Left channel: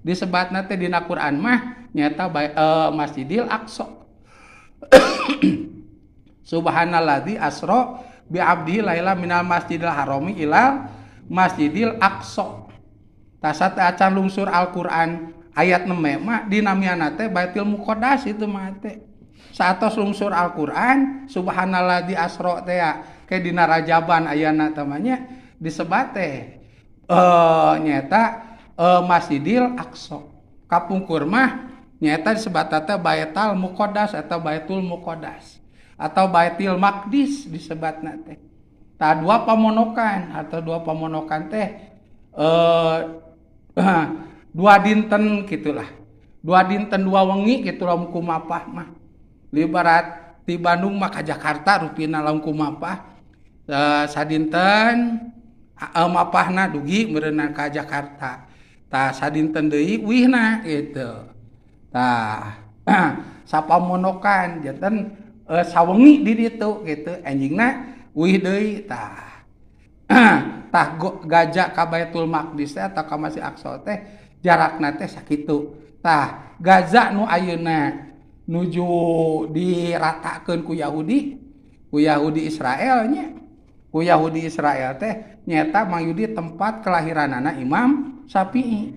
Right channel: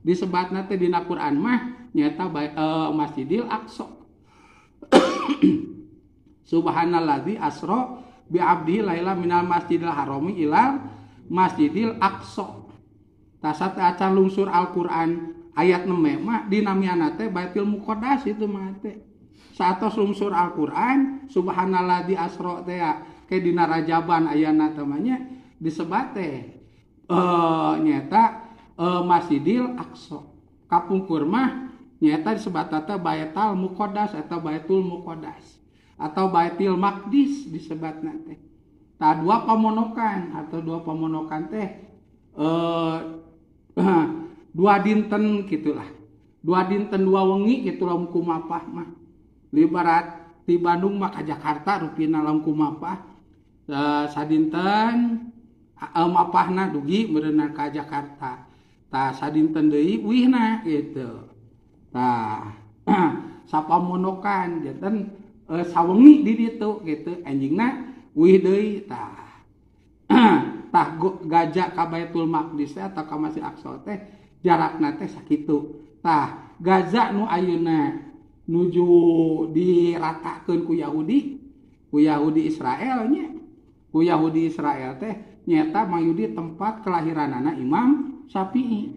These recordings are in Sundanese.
Disebatna teh dina Quran mah nyata Masjidil Aqsa. Subhanalladzi asra bi abdi laila minal masjidil harami ilal masjidil aqsa. Tasat acan lungsur Al-Qur'an ayat 6 mah dinamiana teh Baitul Muqaddas itu mah teh. Saatos lungsur Al-Qur'an subhanalladzi asra teh ke dina Rajaban ayana tamanya disebat teh nyata Masjidil Aqsa. Kapungkur mah nyata disebat teh Baitul Muqaddas atau Baitul Muqaddas atau Baitul Maqdis disebatna teh. Tah dua pamonokan teh dua dinten gitulah. Dua dinten dua wengi gitu lamun kumapah mah. Libarat di Bandung mah ka Jakarta rupina lamun kumapah sadinten mapahna dugi meureunna ka Jakarta. Tah sadinten deui wihna gitu. Tah sapamonokan janten sawengi di ditu gitu anjingna wih deui tah tah gajak ka Baitul Maqdis atau ka Masjid Aqsa teh jarakna teh sakitu. Tah Gaza nu ayeuna nuju diratakeun ku Yahudi Israel nya. Ku Yahudi Israel teh nyata mangyudi tempat kelahiranana Imam Syafi'i.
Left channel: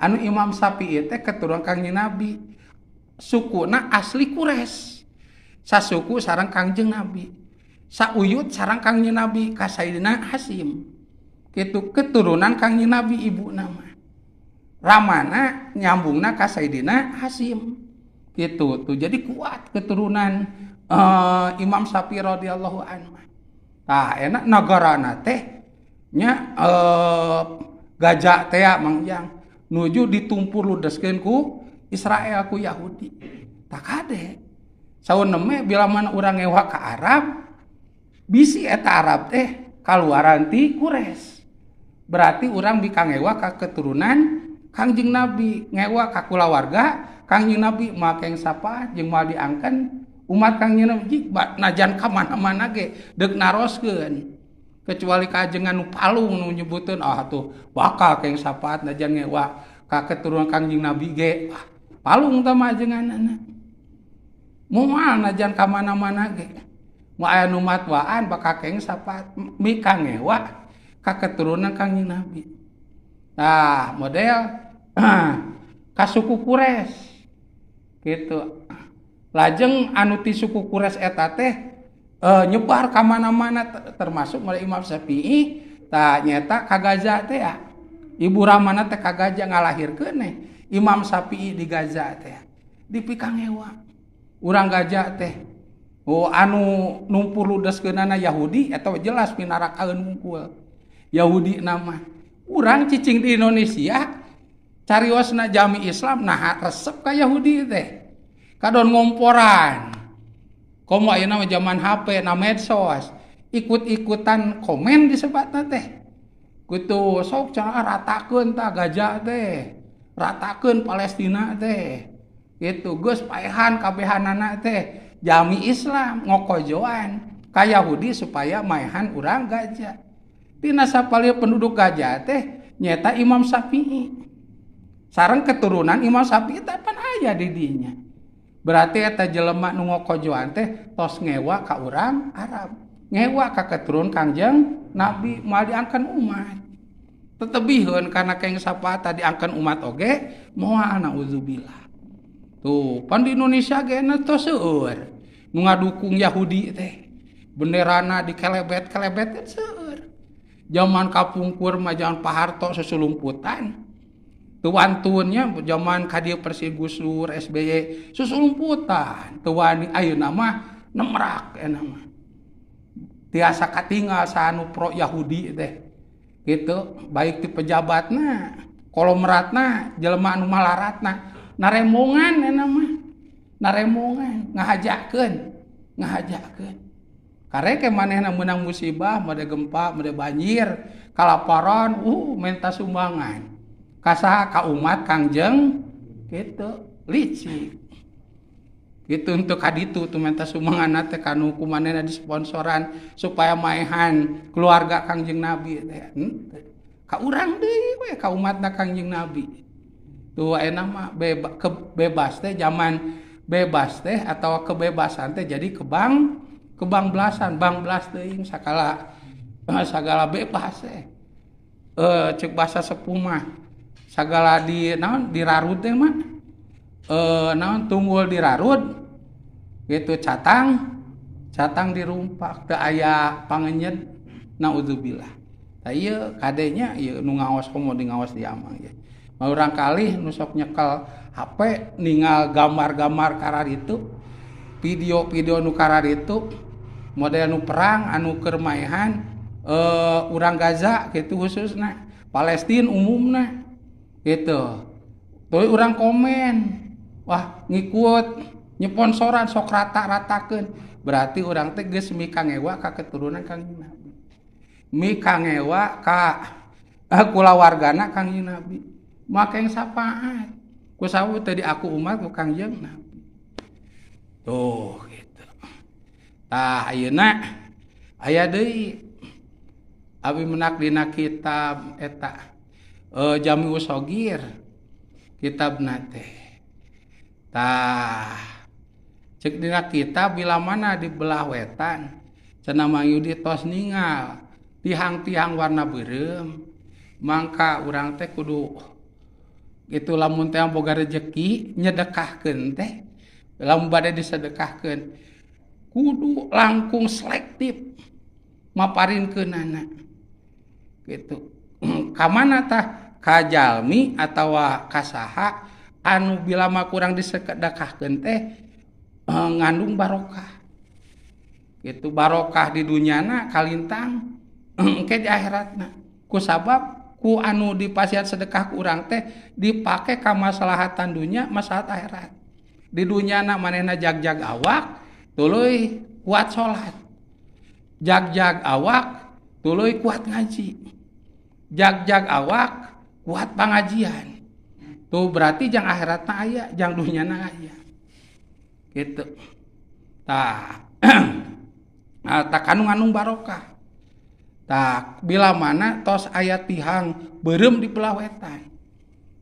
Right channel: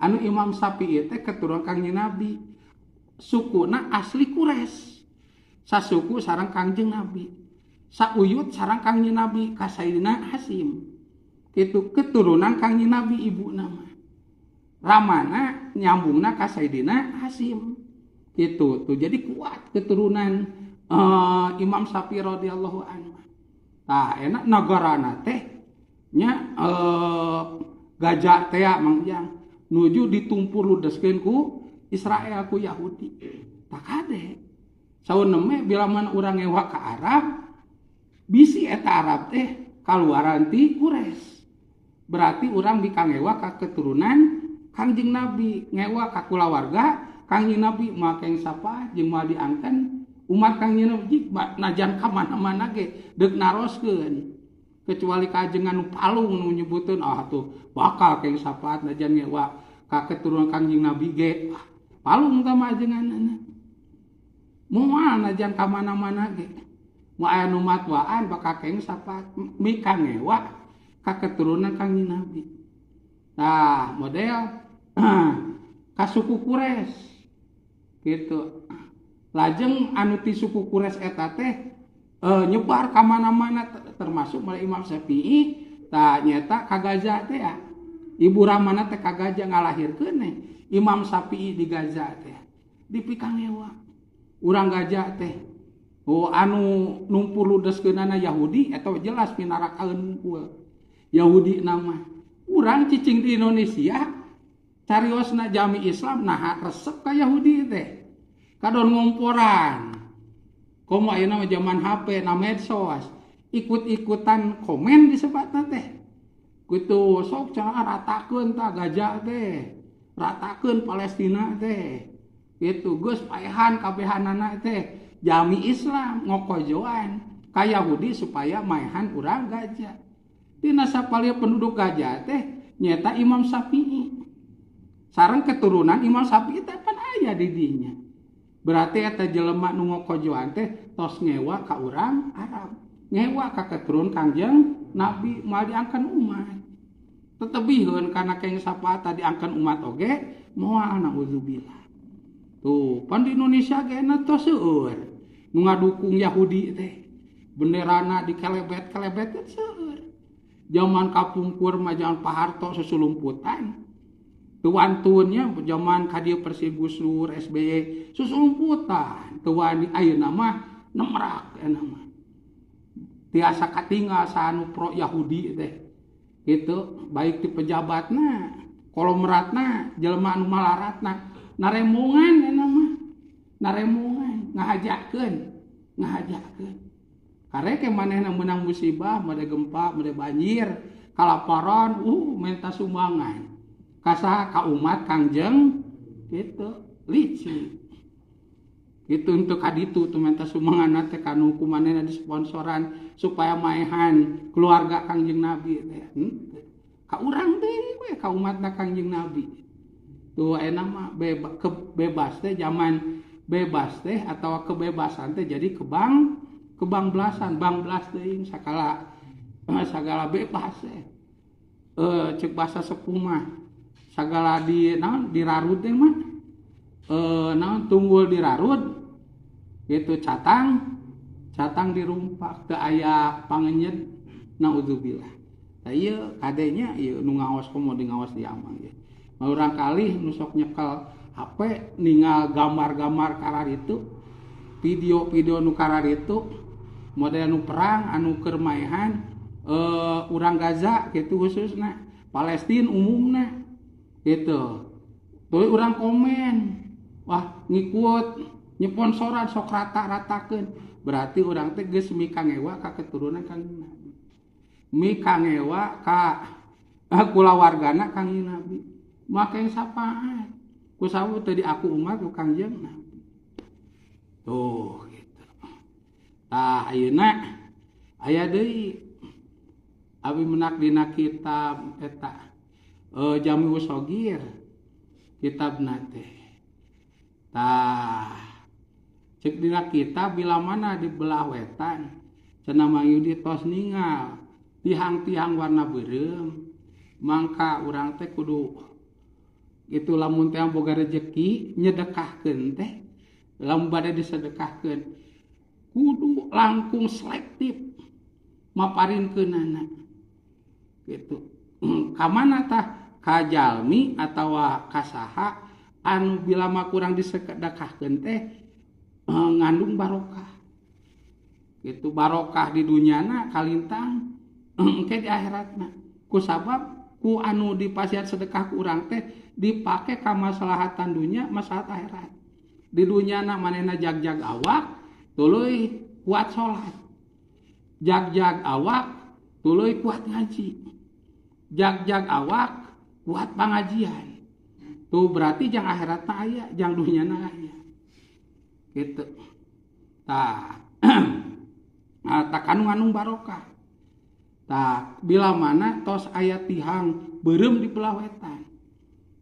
Anu Imam Syafi'i teh keturunan Kangjeng Nabi. Sukuna asli Quraisy. Sasuku sareng Kangjeng Nabi. Sauyut sareng Kangjeng Nabi ka Sayyidina Hasyim. Kitu keturunan Kangjeng Nabi ibu nama. Ramana nyambungna ka Sayyidina Hasyim. Gitu tuh. Jadi kuat keturunan Imam Syafi'i radhiyallahu anhu. Tah enak nagarana teh nya gajak teh mangjang nuju ditumpur ludeskeun ku Israel ku Yahudi. Tak kade. Sauneme bila mana urang ngewa ka Arab bisi eta Arab teh kaluaran ti Quraisy. Berarti urang bika ngewa ka keturunan Kangjeng Nabi, ngewa ka kulawarga Kangjeng Nabi make sapa jeung moal diangken umat Kangjeng Nabi najan ka mana-mana ge deuk naroskeun. Kecuali kajengan nu palung nu nyebutkeun tuh bakal keng sapaat najan ngewa ka keturunan Kangjeng Nabi ge. Palung tah mah ajenganna. Moal najan ka mana-mana ge. Mu aya nu matwaan bakal keng sapaat mika ngewa ka keturunan Kangjeng Nabi. Nah, model ka suku Quraisy. Gitu. Lajeng anu ti suku Quraisy eta teh nyebar ka mana-mana termasuk mulai Imam Syafi'i tah nyata ka Gaza teh ya. Ibu ramana teh ka Gaza ngalahirkeun Imam Syafi'i di Gaza teh. Dipikang hewa. Urang Gaza teh anu numpur ludeskeunana Yahudi atau jelas pinarakaeun ngumpul. Yahudi nama. Urang cicing di Indonesia cariosna jami Islam nah resep ka Yahudi teh. Kadon ngomporan. Komo ayeuna zaman HP na medsos, ikut-ikutan komen disebatna teh. Kudu sok cenah ratakeun tah Gaza teh. Ratakeun Palestina teh. Gitu geus paehan kabehanana teh jami Islam ngokojoan ka Yahudi supaya maehan urang Gaza. Tina sapalieu penduduk Gaza teh nyata Imam Syafi'i. Sareng keturunan Imam Syafi'i teh pan aya di dinya. Berarti eta jelema nu ngokojoan teh tos ngewa ka urang Arab, ngewa ka keturunan Kangjeng Nabi moal diangkeun umat. Tetebihun kana keng sapaat tadi diangkeun umat oge moal nauzubillah. Tuh, pan di Indonesia ge na tos seueur nu ngadukung Yahudi teh. Benderana dikelebet-kelebet teh seueur. Zaman kapungkur mah zaman Pak Harto susulumputan. Tuan-tuannya zaman kadieu Persi Gus Dur SBY susulumputan. Tuan ayeuna mah nemrak mah. Tiasa katinggal saanu pro Yahudi teh. Gitu, baik ti pejabatna, kolomeratna, jelema anu malaratna, naremongan mah. Naremongan ngahajakeun. Karek manehna meunang musibah, made gempa, made banjir, kalaparan, menta sumbangan. Kasaha ka umat Kangjeng gitu lici gitu untuk kaditu tuh minta sumbangan teh kanu kumanehna disponsoran supaya maehan keluarga Kangjeng Nabi teh ka urang deui we ka umatna Kangjeng Nabi tuh enak mah bebas teh zaman bebas teh atau kebebasan teh jadi kebangbelasan bangbelas teuing sagala bebas teh cek bahasa sepuh mah sagala di naon dirarut teh mah naon tunggul dirarut gitu catang dirumpak teu aya pangenyet naudzubillah. Tah ieu kadenya ieu nu ngaos komo di ngaos di amang ya. Urang kali nu sok nyekel HP ningal gambar-gambar kararitu, video-video nu kararitu, model nu perang anu keur maehan urang Gaza gitu khususna, Palestina umumna gitu. Tuh urang komen, wah ngikut nyeponsoran sok rata-ratakeun. Berarti urang teh geus mikangewa ka keturunan Kangjeng Nabi. Mikangewa ka kulawargana Kangjeng Nabi. Maka yang sapaat ku sawu tadi aku umat ku Kangjeng Nabi tuh gitu. Tah ayeuna aya deui abi menak dina kitab eta Jami'us Shogir kitabna teh tah cek dina kitab bila mana di belah wetan cenah Mayudi tos ningal tihang-tihang warna beureum mangka urang teh kudu itu lamun teh boga rezeki nyedekahkeun teh lamun bade disedekahkeun kudu langkung selektif maparinkeunana gitu. Ka mana tah ka jalmi atawa ka saha anu bila mah kurang disedekahkeun teh ngandung barokah gitu, barokah di dunyana kalintang engke di akhiratna kusabab ku anu dipasihan sedekah ku urang teh dipake ka maslahatan dunya maslahat akhirat. Di dunyana manehna jag-jag awak tuluy kuat salat, jag-jag awak tuluy kuat ngaji, jag-jag awak kuat pangajian. Tuh berarti jang akhiratna aya jang dunyana aya gitu. Tah tah kanu ngandung barokah. Tah bila mana tos aya tihang beureum di belah wetan.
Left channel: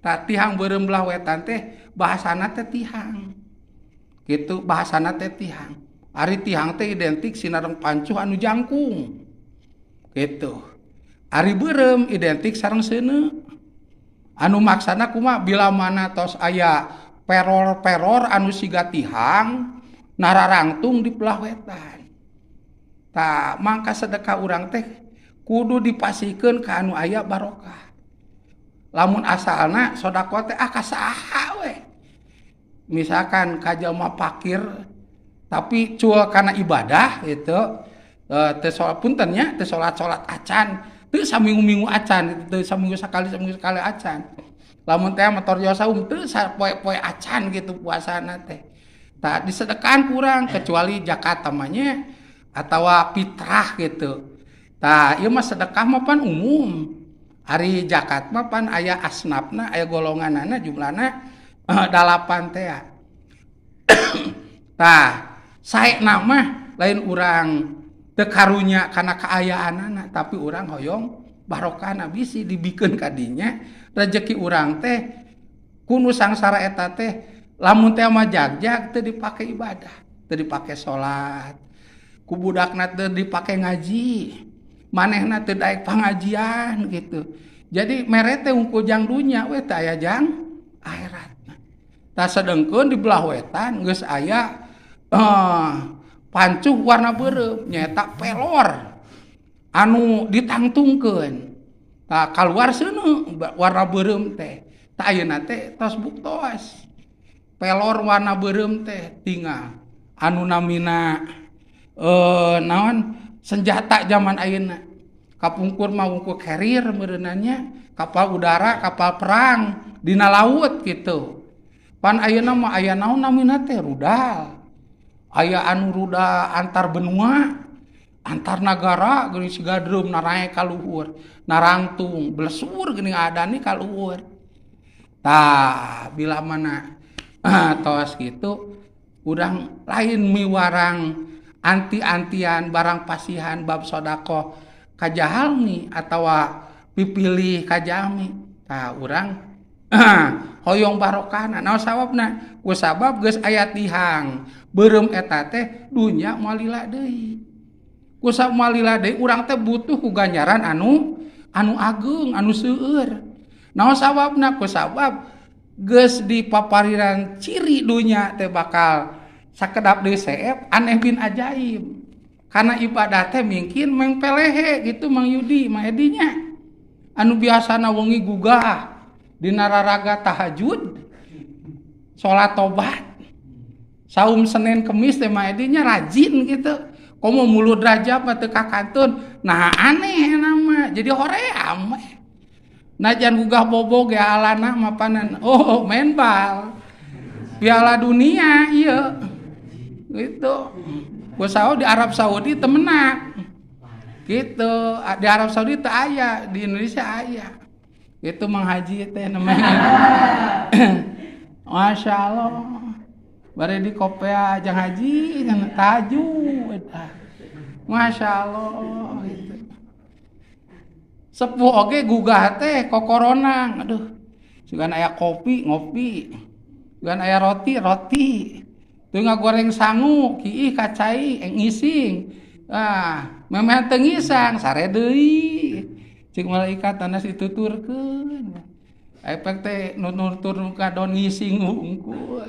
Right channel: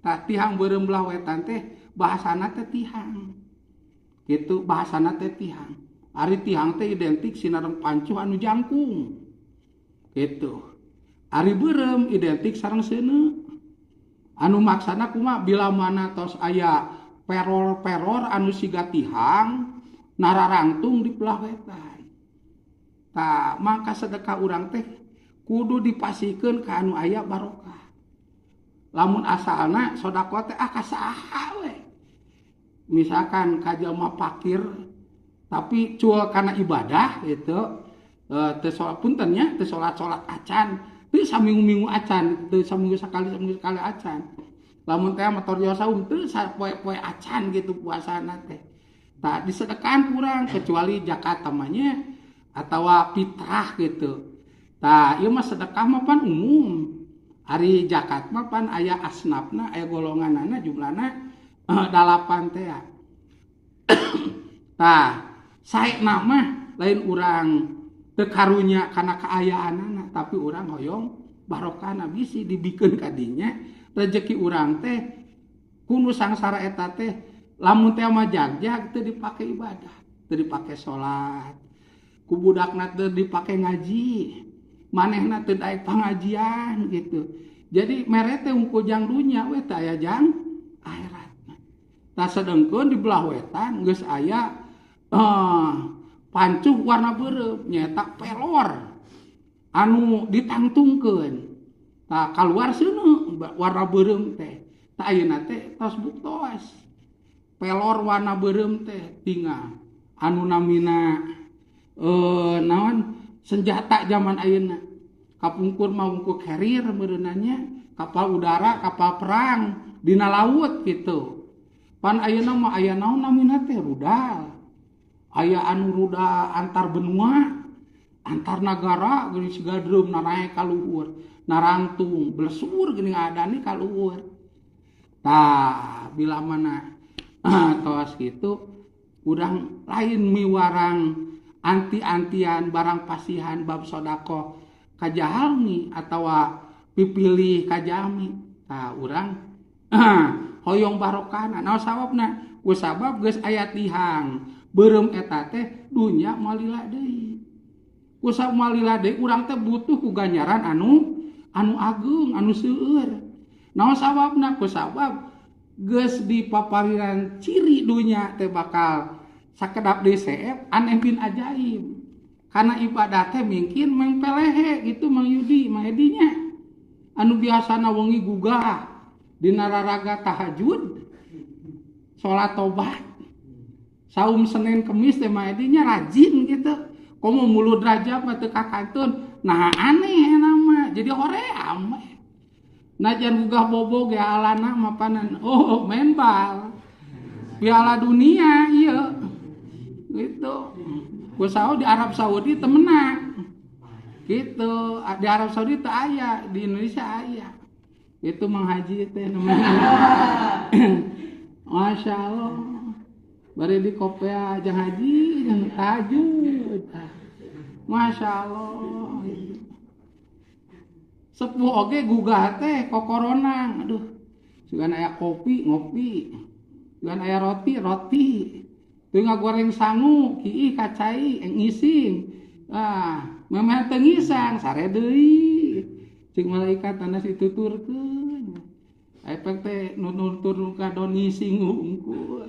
Tah tihang beureum belah wetan teh bahasana teh tihang. Gitu bahasana teh tihang. Ari tihang teh identik sinareng pancuh anu jangkung. Gitu. Ari beureum identik sareng seuneu. Anu maksana kumaha bila mana tos aya peror-peror anu siga tihang nararangtung di belah wetan. Tah mangka sedekah urang teh kudu dipasikeun ka anu aya barokah. Lamun asalna sodaqoh teh kasaha we. Misalkan ka jalma fakir tapi cuel kana ibadah gitu teu salat punten nya teu salat-salat acan, teu saminggu-minggu acan, teu saminggu sakali acan. Lamun teh motor saum teu sapoe-poe acan gitu puasana teh. Tah disedekahan kurang kecuali zakat tamanya atawa fitrah gitu. Tah ieu mah sedekah mah pan umum. Ari zakat mah pan aya asnafna, aya golonganana jumlahna 8 teh. Tah saena mah lain urang teu karunya kana kaayaanana tapi urang hoyong barokahna bisi dibikeun ka dinya rezeki urang teh kunu sangsara eta teh lamun teh mah jag-jag teu dipake ibadah, teu dipake salat. Ku budakna teu dipake ngaji. Manehna teu daek pangajian gitu. Jadi mere teh ungkul jang dunya we teh aya jang akhirat. Tah sedengkeun di belah wetan geus aya pancuh warna beureum nyaeta pelor anu ditangtungkeun. Tah kaluar seuneu warna beureum teh. Tah ayeuna teh tos buktos. Pelor warna beureum teh tinggal anu namina naon senjata zaman ayeuna kapungkur mah ungkur carrier beunanya kapal udara kapal perang dina laut gitu pan ayeuna mah aya naon namina teh rudal aya anu rudal antar benua antar negara geuning siga dreum narae ka luhur narangtung blesur geuning adani ka luhur. Tah bila mana tos kitu urang lain miwarang anti-antian barang pasihan bab sodaqoh kajahalmi atawa pipilih kajami. Tah urang hoyong barokahna naon sababna ku sabab geus aya tihang beureum eta teh dunya moal lila deui ku sabab moal lila deui urang teh butuh ku ganjaran anu ageung anu seueur naon sababna ku sabab geus dipapariran ciri dunya teh bakal sakedap deui seep aneh bin ajaib karena ibadah teh mungkin mengpelehe gitu Mang Yudi mah edinya anu biasana wengi gugah dina raraga tahajud salat tobat saum Senin Kemis teh mah edinya rajin gitu komo mulut rajab teu kakantun nah aneh nama jadi hoream najan gugah bobo ge alana mapanan oh main bal Piala Dunia ieu gitu kusao di Arab Saudi teu menang gitu di Arab Saudi teu aya di Indonesia aya itu menghaji teh namanya Masya Allah bari di kopea ajang haji dan tajud Masya Allah gitu. Sepuh oge gugah teh kokoronang aduh sugan aya kopi ngopi sugan aya roti teu ngagoreng sangu kiih kacai ngising memeh teu ngisang sare deui cik malaikat tanas dituturkeun efek teh nutur kadon ngising hungkul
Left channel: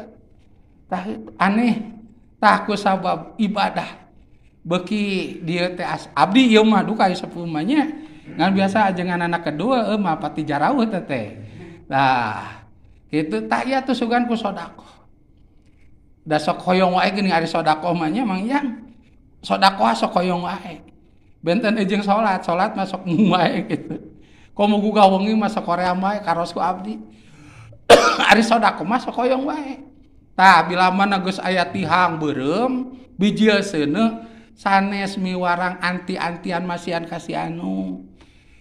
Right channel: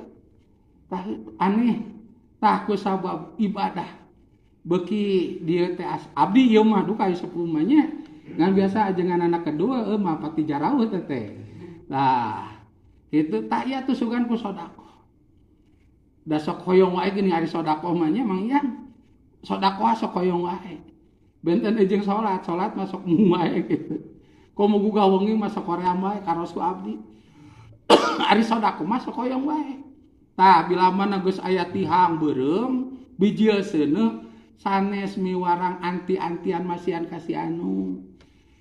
tah aneh tah ku sabab ibadah beuki dieu teh abdi ieu mah duka sepuh mah nya ngan biasa ajengan anak kedua mah pati jaraweuh teh nah kitu tah ieu teh sugan ku sedekah da sok hoyong wae geuning ari sedekah mah nya Mang Yang sedekah sok hoyong wae benten jeung salat mah sok mung wae gitu komo gugah wengi mah sok hoream wae karos ku abdi ari sedekah mah sok hoyong wae tah bila mana geus aya tihang beureum bijil seuneu sanes miwarang anti-antian masihan kasih anu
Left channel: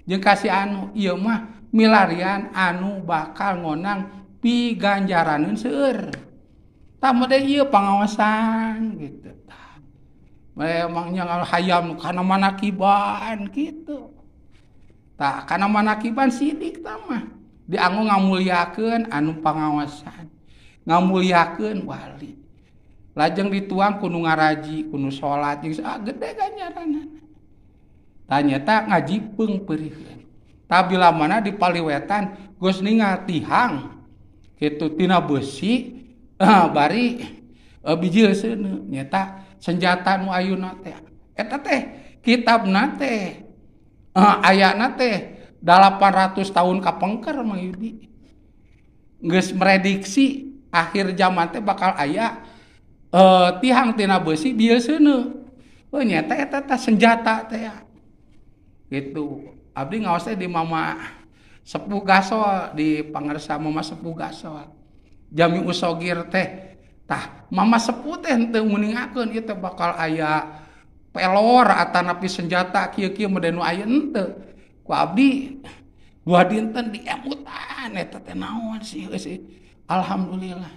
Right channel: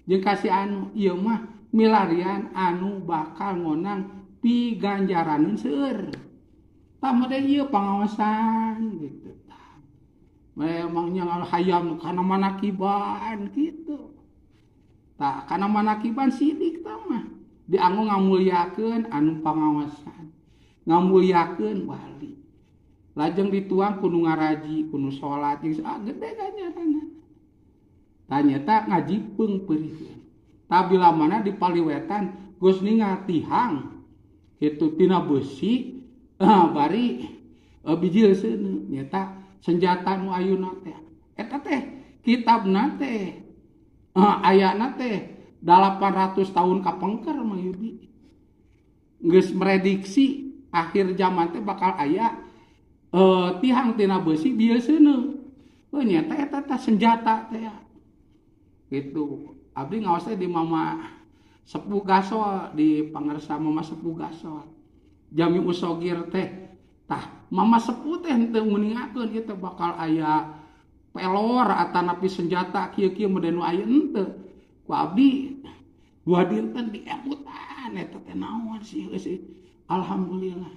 jeung kasih anu ieu mah milarian anu bakal ngonang piganjaraneun seueur tah made ieu pangaosan gitu memang yang hayam kana manakiban gitu tah kana manakiban sidik tah mah dianggo ngamulyakeun anu pangaosan ngamulyakeun wali lajeng dituang kudu ngaraji kudu salat jeung gede ganjaranna tah nyata ngajipeung peureuheun tah bila mana di paliwetan geus ningal tihang kitu tina besi bari bijil seuneu nyata senjata nu ayeuna teh eta teh kitabna teh ayana teh 800 tahun kapengker Mang Yudi geus merediksi akhir zaman teh bakal aya tihang tina besi bijil seuneu nyata eta teh senjata teh gitu abdi ngaos teh di Mama Sepuh Gasol di pangarsa Mama Sepuh Gasol Jami Usogir teh tah Mama Sepuh teh teu nguningakeun ieu teh bakal aya pelor atanapi senjata kieu-kieu mode nu aya henteu ku abdi dua dinten diemutan eta teh naon sih alhamdulillah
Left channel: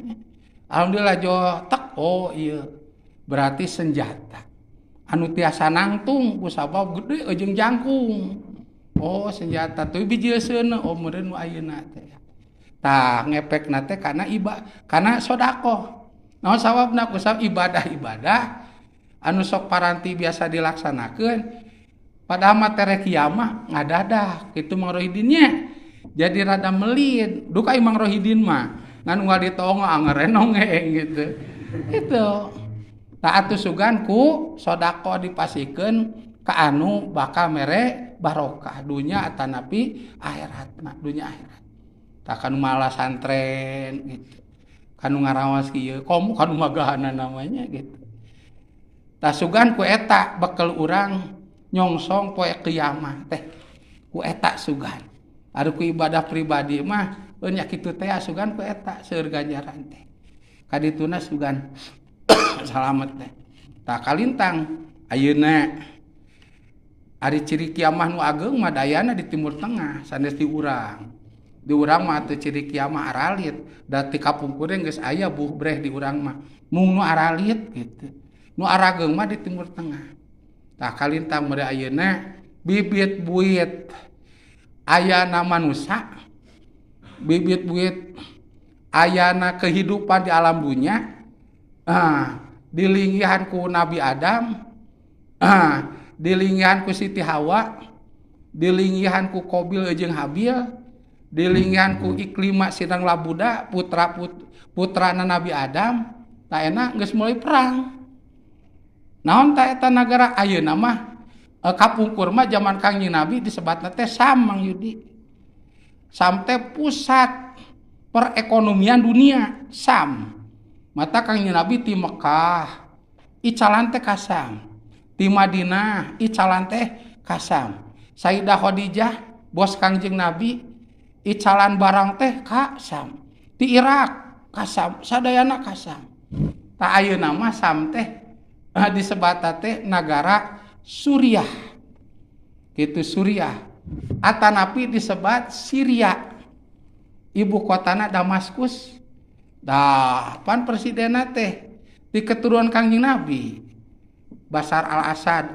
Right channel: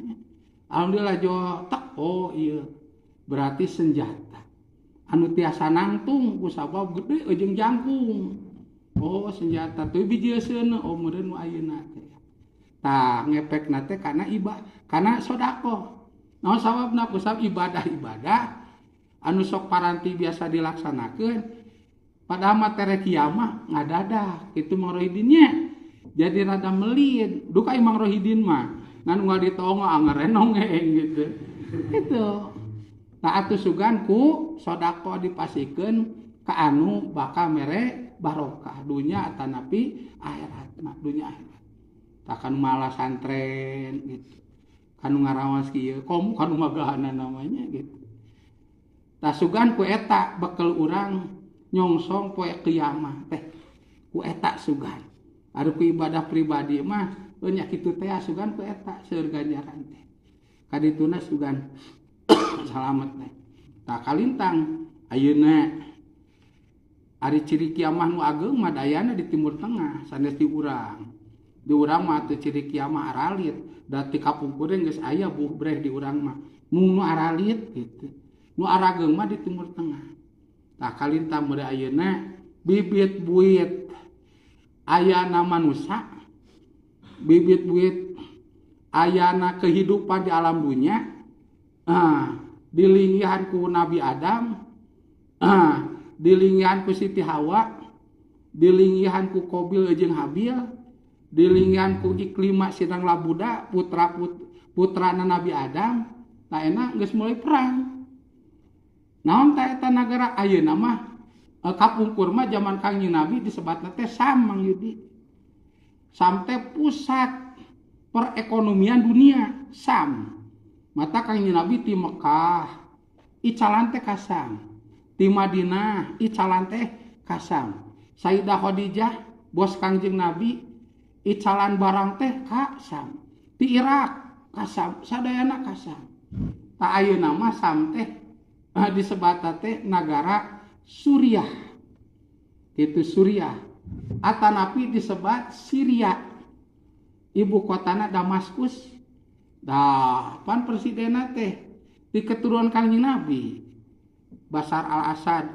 jo tek oh ieu berarti senjata anu tiasa nangtung ku sabab gede jeung jangkung oh senjata teu bijil seuneu oh meureun nu ayeuna teh tah ngepekna teh kana kana sedekah naon sababna ku sabab ibadah anu sok paranti biasa dilaksanakeun padahal materi kiamah ngadadah kitu Mang Rohidin nya jadi rada melit duka Mang Rohidin mah ngan unggal ditongo angerenongeng gitu itu tah atuh sugan ku sedekah dipasikeun ka anu bakal mere barokah dunya atanapi akhiratna dunya akhirat tah kanu malah santren gitu kanu ngaraos kieu komo kanu magahana namanya gitu tah sugan ku eta bekel urang nyongsong poe kiamah teh ku eta sugan ari ku ibadah pribadi mah nya kitu teh sugan ku eta seueur ganjaran teh kadituna sugan salamet teh tah kalintang ayeuna ari ciri kiamah nu ageung mah dayana di Timur Tengah sanes di urang mah teu ciri kiamah aralit da ti kapungkuring geus aya buh breh di urang mah mung nu aralit gitu nu arageung mah di Timur Tengah tah kalintang meureun ayeuna bibit buit aya na manusia bibit-bibit ayana kehidupan di alam dunia dilinggihan ku Nabi Adam, dilinggihan ku Siti Hawa, dilinggihan ku Qabil jeung Habil, dilinggihan ku Iklima sidang Labuda putrana Nabi Adam. Tak enak geus mulai perang. Naon ta eta nagara ayeuna mah kapungkur mah zaman Kangjeng Nabi disebatna teh Sam Mang Yudi. Sam teh pusat perekonomian dunia, Sam. Mata Kangjeng Nabi ti Mekah icalan teh ka Sam. Ti Madinah icalan teh ka Sam. Sayyidah Khadijah bos Kangjeng Nabi icalan barang teh ka Sam. Ti Irak ka Sam, sadayana ka Sam. Ta ayeuna mah Sam teh disebata teh nagara Suriah. Kitu Suriah. Atanapi disebat Syria. Ibu kotana Damaskus. Pan presidenna teh di keturunan Kangjeng Nabi. Bashar al-Assad.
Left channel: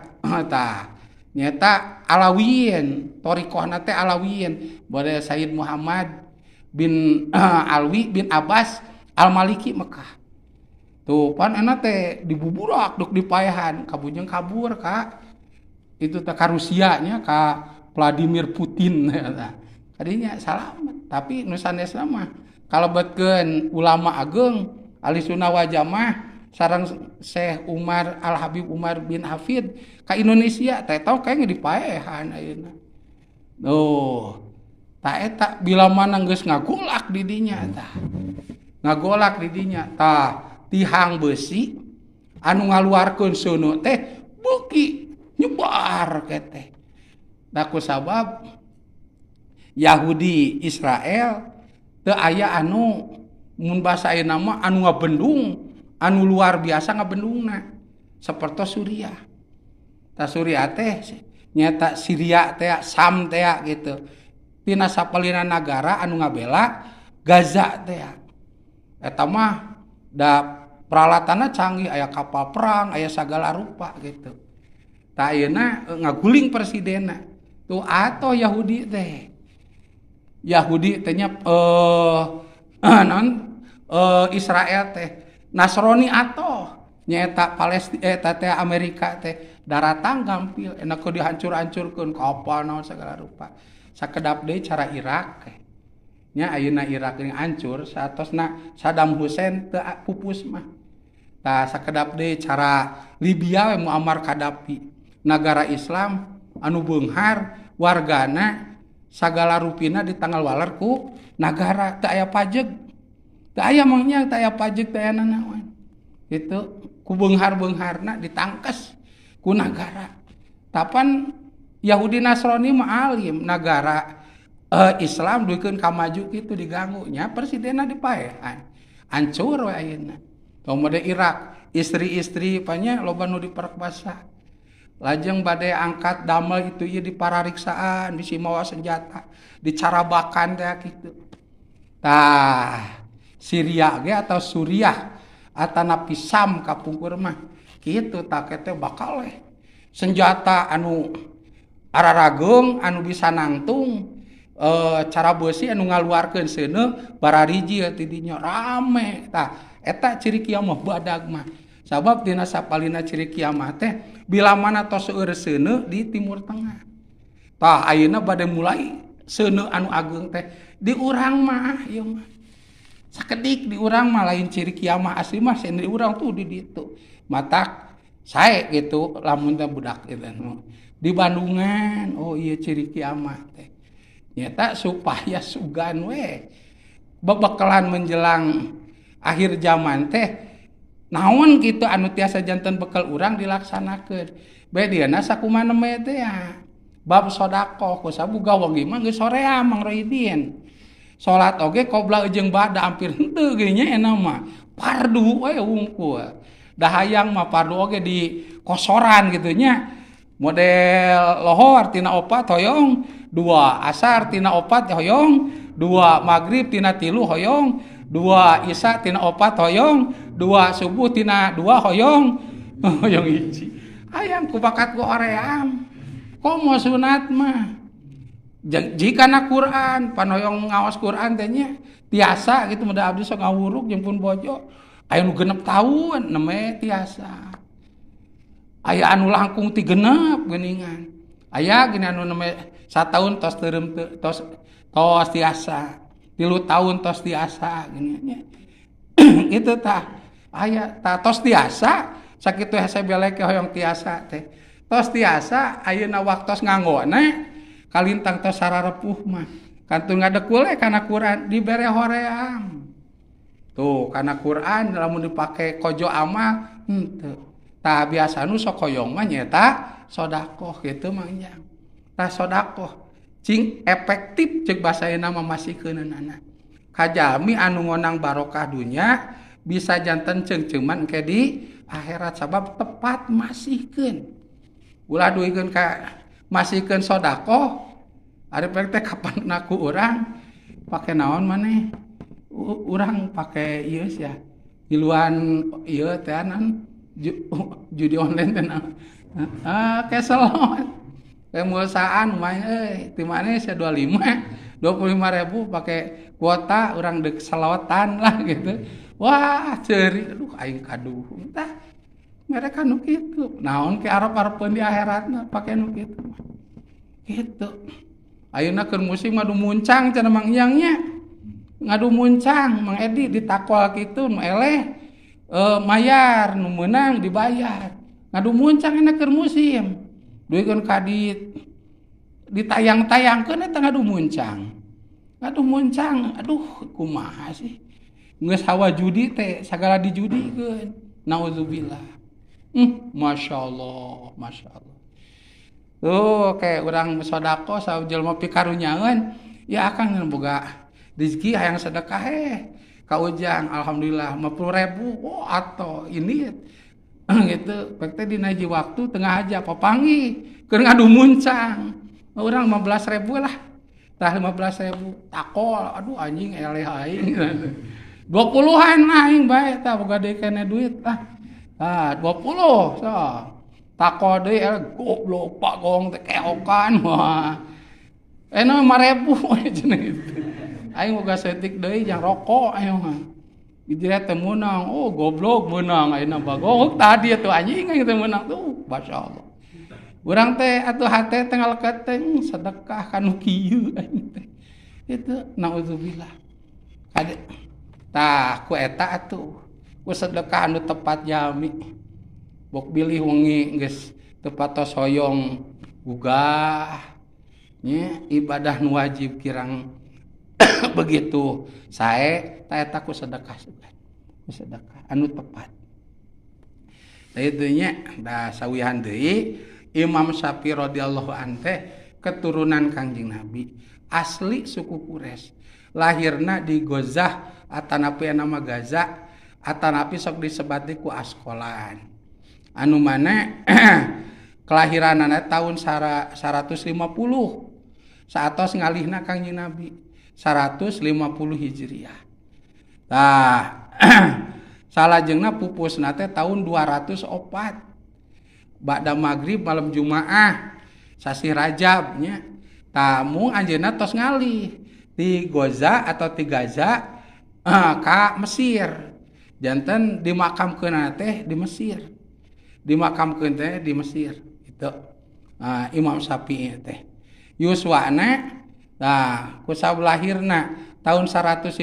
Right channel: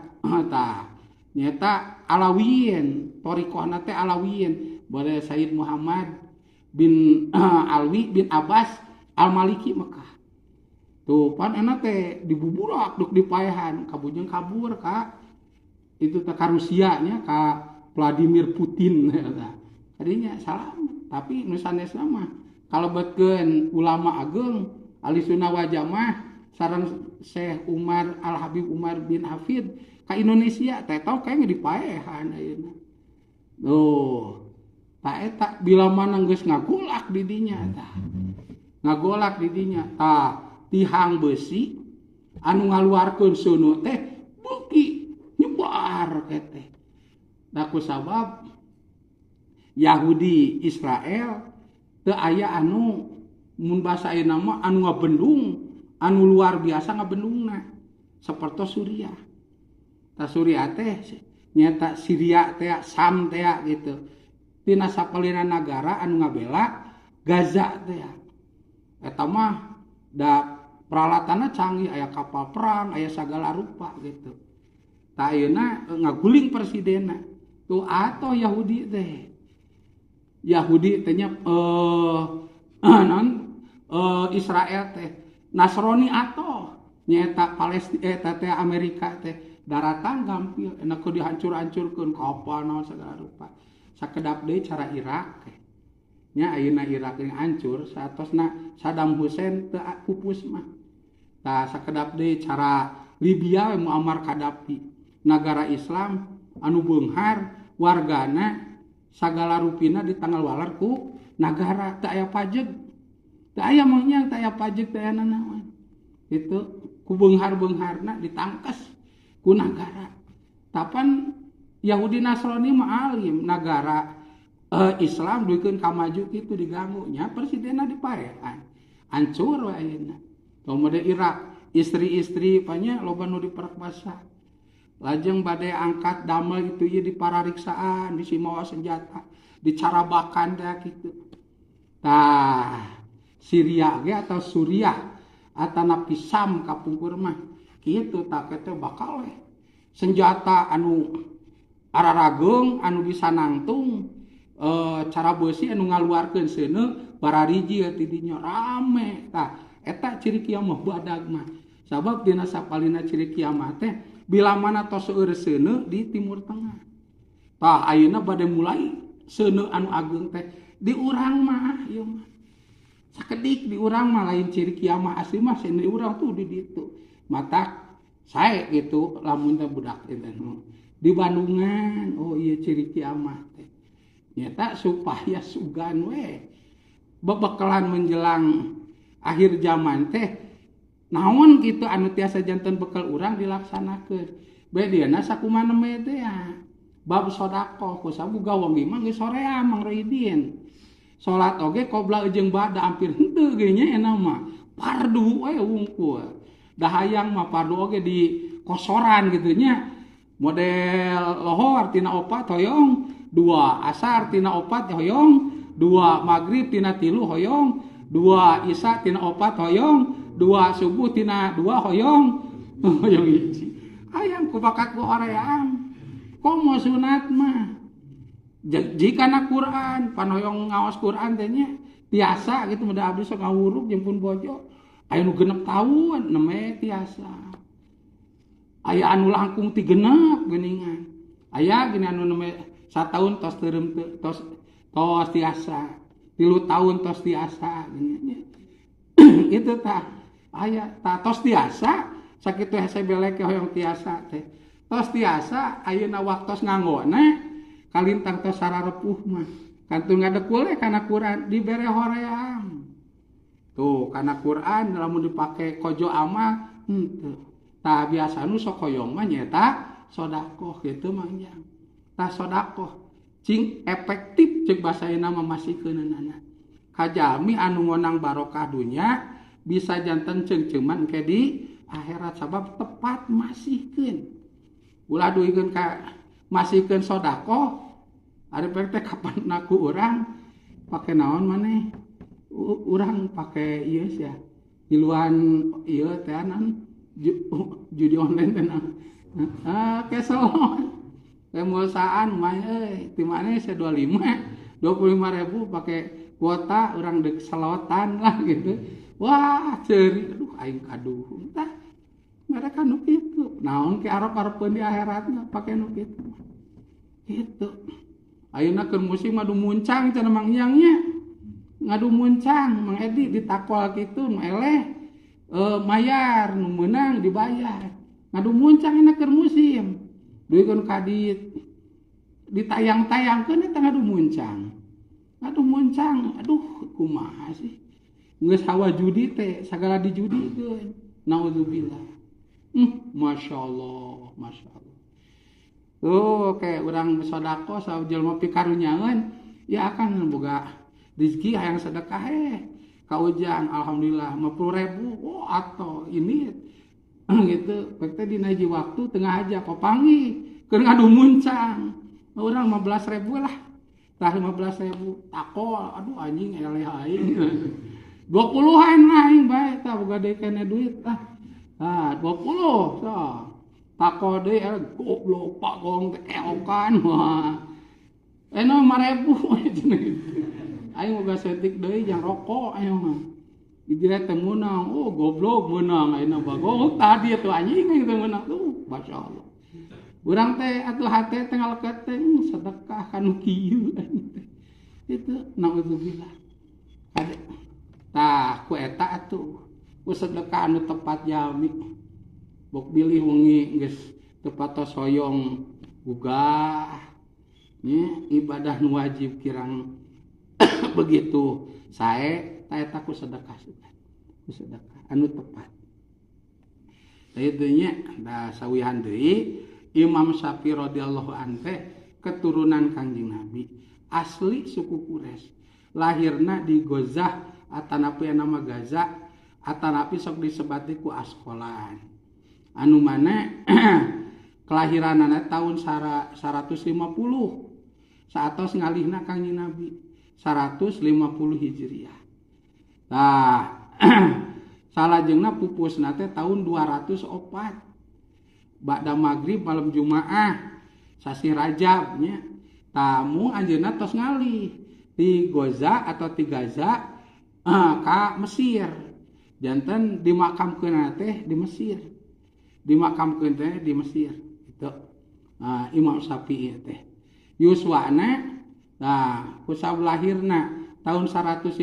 Tah nyata Alawiyin, thariqahna teh Alawiyin. Bade Sayyid Muhammad bin Alwi bin Abbas Al-Maliki Mekah. Tuh pan enak teh dibuburak duk dipayahan kabujeng kabur ka itu teh ka Rusia nya ka Vladimir Putin eta. Kadinya salamet tapi nu sanesna mah kalebetkeun ulama ageung ahli sunnah wal jamaah sareng Syekh Umar Al Habib Umar bin Hafid ka Indonesia teh tau kae dipayahan ayeuna. Duh ta eta bila mana geus ngagolak di dinya tah. Ngagolak di dinya tah tihang besi anu ngaluarkeun seuneu teh beuki nyebar keteh. Da kusabab Yahudi Israel teu aya anu mun basa ayeuna mah anu ngabendung anu luar biasa ngabendungna saperto Suriah. Ta Suriah teh nyata Syria teh Sam teh gitu. Tina sapalina nagara anu ngabela Gaza teh. Eta mah da peralatanna canggih, aya kapal perang, aya sagala rupa gitu. Ta ayeuna ngaguling presidenna. Tuh atoh Yahudi teh. Yahudi teh nya Israel teh. Nasrani atoh nyaeta Palestina eta teh Amerika teh daratan gampil enak ku dihancur-hancurkeun kapal naon sagala rupa. Sakedap deui cara Irak teh. Nya ayeuna Irak ini hancur saatosna Saddam Hussein teu pupus mah. Tah sakedap deui cara Libya Muammar Gaddafi, nagara Islam anu beunghar wargana sagala rupina ditanggal waler ku nagara teu aya pajeg. Teu aya mangnya teu aya pajeg teu aya naon. Kitu ku beunghar-beungharna ditangkes ku nagara. Tapan Yahudi Nasrani mah alim nagara Islam duikeun ka maju kitu diganggu nya presidenna dipaehan. Hancur we ayeuna. Kemudian Irak, istri-istri panya loba nu diperkosa. Lajeng bade angkat damel itu ieu diparariksaan, bisi mawa senjata, dicarabakan teh kitu. Tah, Syria ge atau Suriah atanapi Sam kapungkur mah kitu tah teh bakal we. Senjata anu ararageung anu bisa nangtung cara beusi anu ngaluarkeun seuneu barariji ti dinya rame tah. Eta ciri kiamah badag mah. Sabab dina sapalina ciri kiamah teh bila mana tos seueur seuneu di Timur Tengah. Tah ayeuna bade mulai seuneu anu ageung teh di urang mah ieu mah. Sakedik di urang mah lain ciri kiamah asli mah sen di urang tuh di ditu. Matak sae gitu lamun teh budak eta di Bandungan oh ieu ciri kiamah teh. Nyata supaya sugan we bebekalan menjelang akhir zaman teh naon kitu anu tiasa janten bekal urang dilaksanakeun. Bae dieuna sakumaha mah teh ya. Bab sedekah ku sabuga wengi mah geus sorea Mang Roidin. Salat oge qobla jeung ba'da hampir henteu ge nya eta mah. Fardu we wungkul. Dahayang mah fardu oge di kosoran gitu nya. Model lohor tina 4 hoyong, 2 asar tina 4 hoyong, 2 maghrib tina 3 hoyong. 2 isya tina 4 hoyong, 2 subuh tina 2 hoyong, hoyong hiji. Hayang ku bakat ku hoream. Komo sunat mah. Jika na Quran panoyong ngaos Quran teh nya tiasa gitu mudah abdi sok ngawuruk jeung pun bojo aya nu 6 tahun namanya tiasa aya anu langkung 3 genep geuningan aya gini anu namanya 1 tahun tos teureum tos tiasa 3 tahun tos tiasa gini nya itu tah aya tah tos tiasa sakitu hese belek hoyong tiasa teh tos tiasa ayeuna waktos nganggona kalintang tos sararepuh mah kantun ngadekul kana Quran dibere hoream tuh kana Quran lamun dipake kojo amal henteu tah biasa nu sok hoyong mah nyaeta sedekah kitu mah nya tah sedekah cing efektif ceuk basa ayeuna mah masikeunana kajami anu ngonang barokah dunya bisa janten ceung-ceuman ke di akhirat sabab tepat masihkeun ulah duikeun ka masihkeun sedekah ari teh kapan naku urang pake naon maneh urang pake ieu sia iluan ieu teh anan judi online teh keselon kemulsaan main ti maneh sia 25.000 pake kuota urang deuk salawetan lah gitu wah ceuri aduh aing kaduh tah mereka nu kitu naon ke arep-arepeun di akhiratna pake nu kitu gitu ayeuna keur musim ngadu muncang cenah Mang Iyang nya ngadu muncang Mang Edi ditakwal kitu nu eleh mayar nu meunang dibayar ngadu muncang enak keur musim duikeun ka ditayang-tayangkeun eta ngadu muncang aduh kumaha sih geus hawa judi teh sagala dijudikeun naudzubillah masyaallah kayak urang sodako jelema pikarunyangeun ya akan boga rezeki hayang sedekah ka ujang alhamdulillah 50.000 oh atau ini gitu pek teh dina hiji waktu tengah aja papangi keur ngadu muncang urang 15.000 lah tah 15.000 takol aduh anjing eleh aing 20-an aing bae tah boga deui kana duit tah 20 so takol deui goblok Pak Gong teh keokan wah eno 5.000 cenah gitu aing boga setik deui jang rokok ayo mah dijeret teh meunang oh goblok meunang ayeuna bagong tadi atuh anjing teh meunang tuh masyaallah urang teh atuh hate teh ngaleket teh sedekah kanu kieu aing teh itu naudzubillah kade tah ku eta atuh ku sedekah anu tepat jami bok bilih wengi geus teu patos hoyong gugah nya ibadah nu wajib kirang begitu sae ta eta ku sedekah anu tepat tah itu nya da sawihan deui Imam Syafi'i radhiyallahu anhu teh keturunan Kangjeng Nabi asli suku Quraisy lahirna di Gozah atanapi nama Gaza atanapi sok disebut ku Askolan anu mana kelahiranana tahun 150 saatos ngalihna Kangjeng Nabi 150 Hijriah tah salajengna pupusna teh tahun 204 ba'da maghrib malam Jumaah sasi Rajab nya tamu anjeunna tos ngalih di Goza atau di Gaza ka Mesir janten dimakamkeun teh di Mesir dimakamkeun teh di Mesir itu Imam Syafi'i teh yuswana tah ku saulahirna tahun 150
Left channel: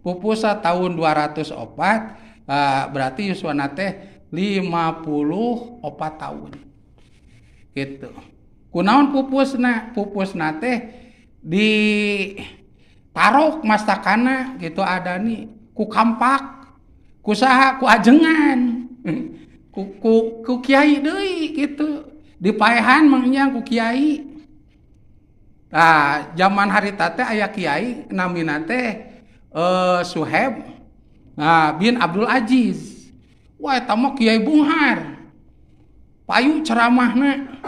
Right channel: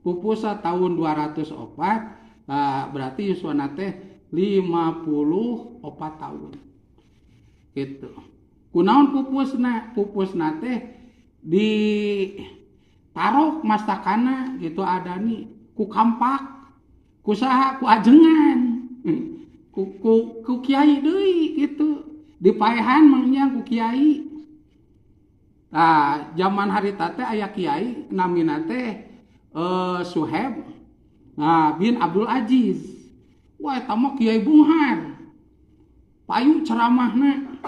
pupusa tahun 204 berarti yuswana teh 54 tahun gitu kunaon pupusna teh di tarok mastakana gitu ada nih ku kampak ku saha ku ajengan ku kiai deui gitu dipaehan mangnya ku kiai zaman harita teh aya kiai namina teh Suhaib bin Abdul Aziz wah eta mah Kiai Bunghar payu ceramahna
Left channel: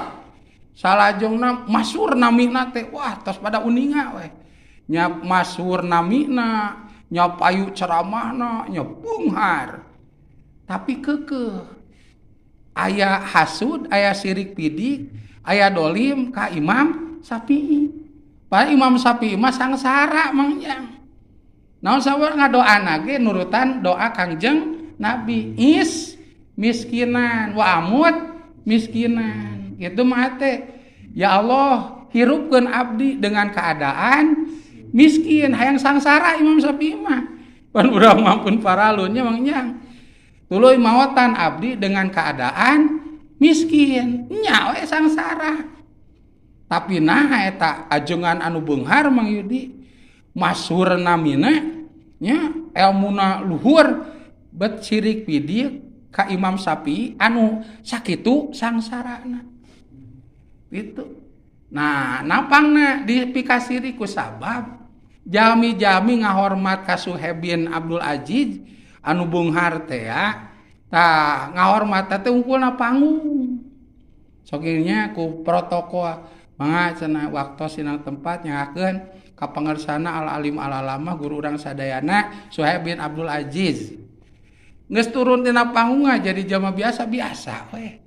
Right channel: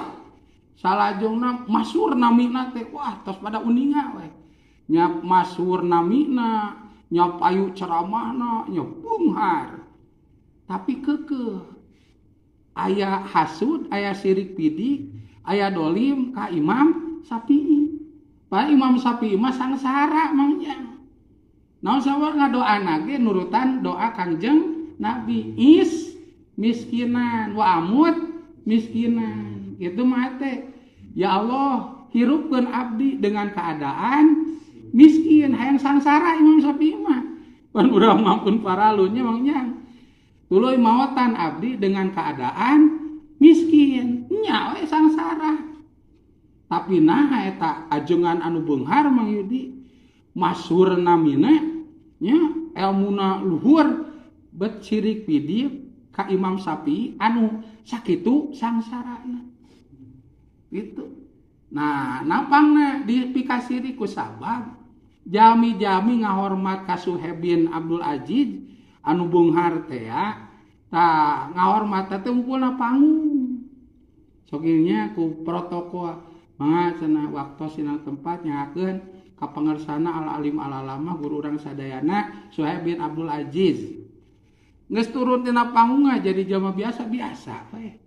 salajengna masyhur namina teh wah tos pada uninga we nya masyhur namina nya payu ceramahna nya Bunghar tapi keukeuh aya hasud aya sirik pidik aya dolim ka Imam Syafi'i. Padahal Imam Syafi'i mah sangsara mangjang. Naon sawer ngadoana ge nurutan doa Kangjeng Nabi. Miskinan wa amut miskinan. Gitu mah teh. Ya Allah, hirupkeun abdi dengan keadaan miskin, hayang sangsara Imam Syafi'i mah. Pan urang mampun paralunnya mangjang. Tuluy maotan abdi dengan keadaan miskin, nya we sangsara. Tapi nah eta ajengan anu beunghar Mang Yudi, masyhur namina nya elmuna luhur bet sirik pidik ka Imam Syafi'i anu sakitu sangsarana. Gitu. Nah, napangna dipikasiri ku sabab jami-jami ngahormat ka Suhaib bin Abdul Aziz anu beunghar teh ya. Tah ngahormat teh unggulna panggung. Sokinya ku protokol mangga cenah waktos sinang tempat nyakeun ka pangersana al alim al alama guru urang sadayana Suhaib bin Abdul Aziz. Geus turun tina panggung jadi jama biasa-biasa we.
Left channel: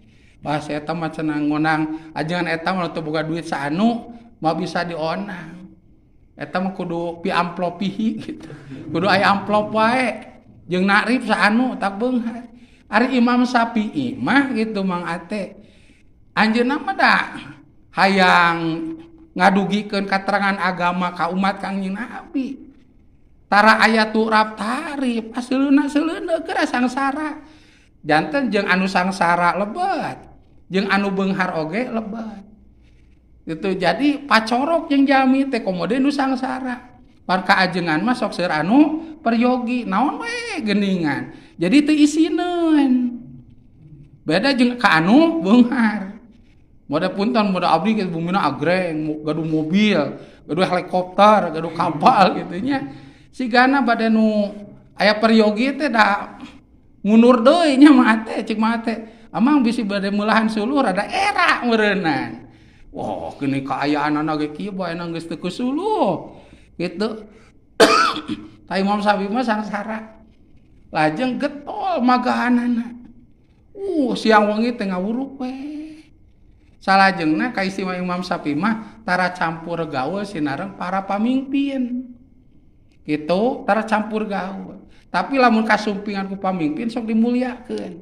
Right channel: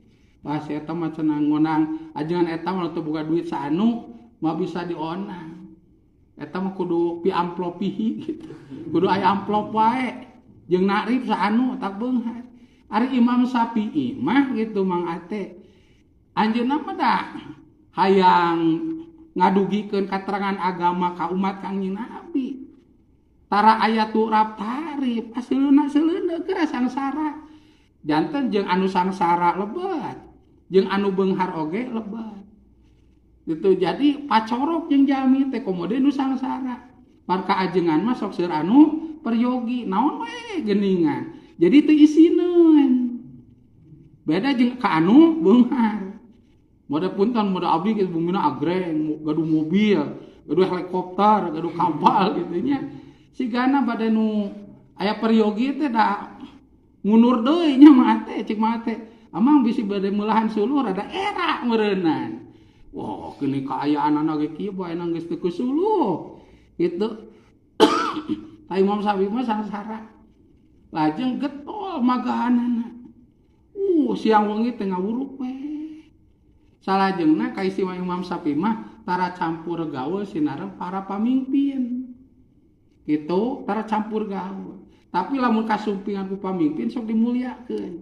Bahasa eta mah cenah ngonang ajengan eta mah teu boga duit saanu mah bisa dionang. Eta mah kudu pi amplopihi gitu. Kudu aya amplop wae. Jeung nakrib saanu tak beunghar. Ari Imam Syafi'i mah gitu Mang Ate. Anjeunna mah da hayang ngadugikeun katerangan agama ka umat Kangjeng Nabi. Tara aya turap tarif, aseuleuna keur sangsara. Janten jeung anu sangsara lebat, jeung anu beunghar oge lebat. Gitu jadi pacorok jeung jami teh komode nu sangsara. Par kaajengan mah sok seur anu peryogi, naon we geuningan. Jadi teu isineun. Beda jeung ka anu beunghar. Mode punten mode abdi geus bumina agreng, gaduh mobil, gaduh helikopter, gaduh kapal gitu nya. Sigana bade nu aya peryogi teh da ngunur deui nya mah teh cik mah teh. Amang bisi bade meulahan suluh rada era meureunnan. Wah, kini kaayaanana ge kieu bae nang geus teu kusuluh. Gitu. Ta Imam Syafi'i mah sangsara. Lajeng getol magahanana. Siang wengi teh ngawuruk we. Salajengna ka istimewa Imam Syafi'i mah tara campur gaul sinareng para pamimpin. Gitu, tara campur gaul. Tapi lamun kasumpingan ku pamimpin sok dimuliakeun.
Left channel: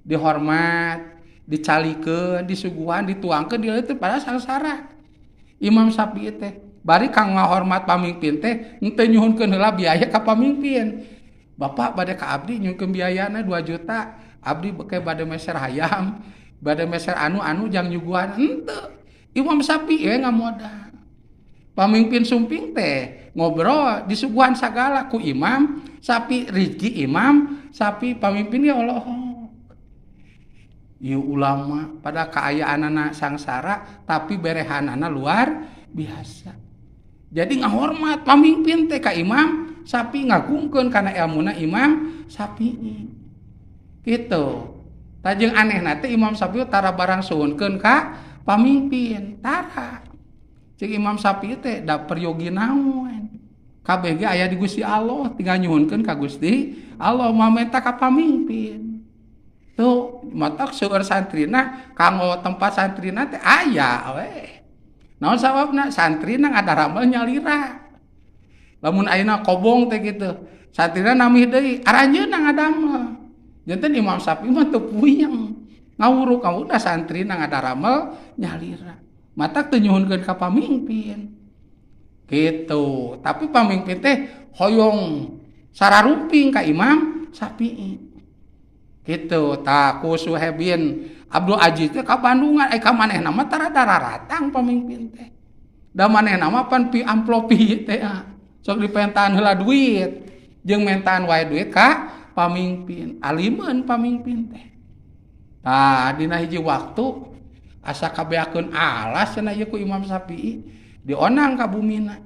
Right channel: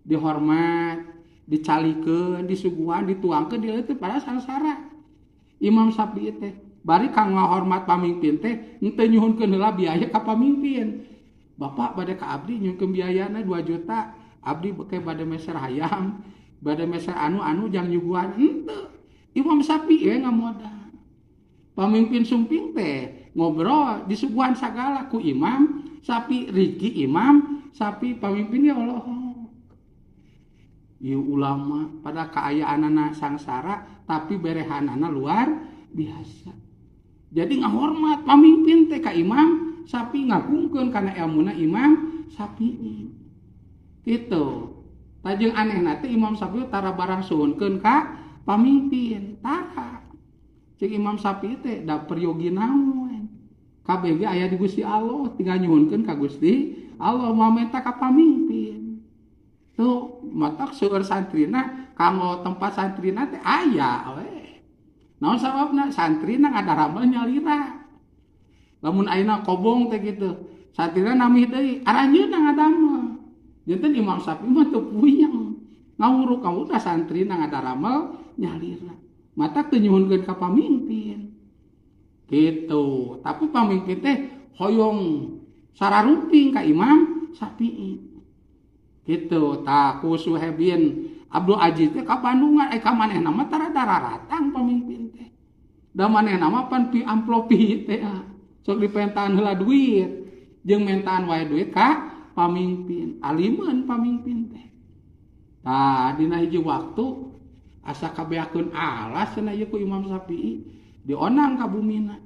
Dihormat, dicalikeun, disuguhan, dituangkeun di teh pada sangsara. Imam Syafi'i teh bari kang ngahormat pamimpin teh henteu nyuhunkeun heula biaya ka pamimpin. Bapak bade ka abdi nyuhunkeun biayana 2 juta, abdi beke bade meser hayam, bade meser anu jang nyuguhan henteu. Imam Syafi'i we ngamoda. Pamimpin sumping teh ngobrol disuguhan sagala ku Imam Syafi'i, rizki Imam Syafi'i pamimpin ya Allah. Ieu ulama pada kaayaanana sangsara tapi berehanana luar biasa. Jadi ngahormat pamimpin teh ka Imam Syafi'i, ngagungkeun kana ilmuna Imam Syafi'i. Gitu. Tajeng anehna teh Imam Syafi'i tara barang suhunkeun ka pamimpin, tara. Cik Imam Syafi'i teh da peryogi naon. Kabeh ge aya di Gusti Allah, tinggal nyuhunkeun ka Gusti Allah mamenta ka pamimpin. Tuh, matak seueur santrina kanggo tempat santrina teh aya we. Naon sababna? Santrina ngadaramel nyalira. Lamun ayeuna kobong teh gitu, santrina namih deui, aranjeunna ngadamel. Janten Imam Syafi'i mah teu puyeng. Ngawuruk udah santrina ngadaramel nyalira. Matak teu nyuhunkeun ka pamimpin. Gitu. Tapi pamimpin teh hoyong sararumping ka Imam Syafi'i. Gitu. Ta ku Suhaib bin Abdul Aziz teh ka Bandungan ka manehna mah tara dararatang pamimpin teh. Da manehna mah pan pi amplopi teh. Sok dipentaan heula duit jeung mentaan wae duit ka pamimpin. Alimeun pamimpin teh. Tah dina hiji waktu asa kabeakeun alas cenah ieu ku Imam Syafi'i dionang ka bumina.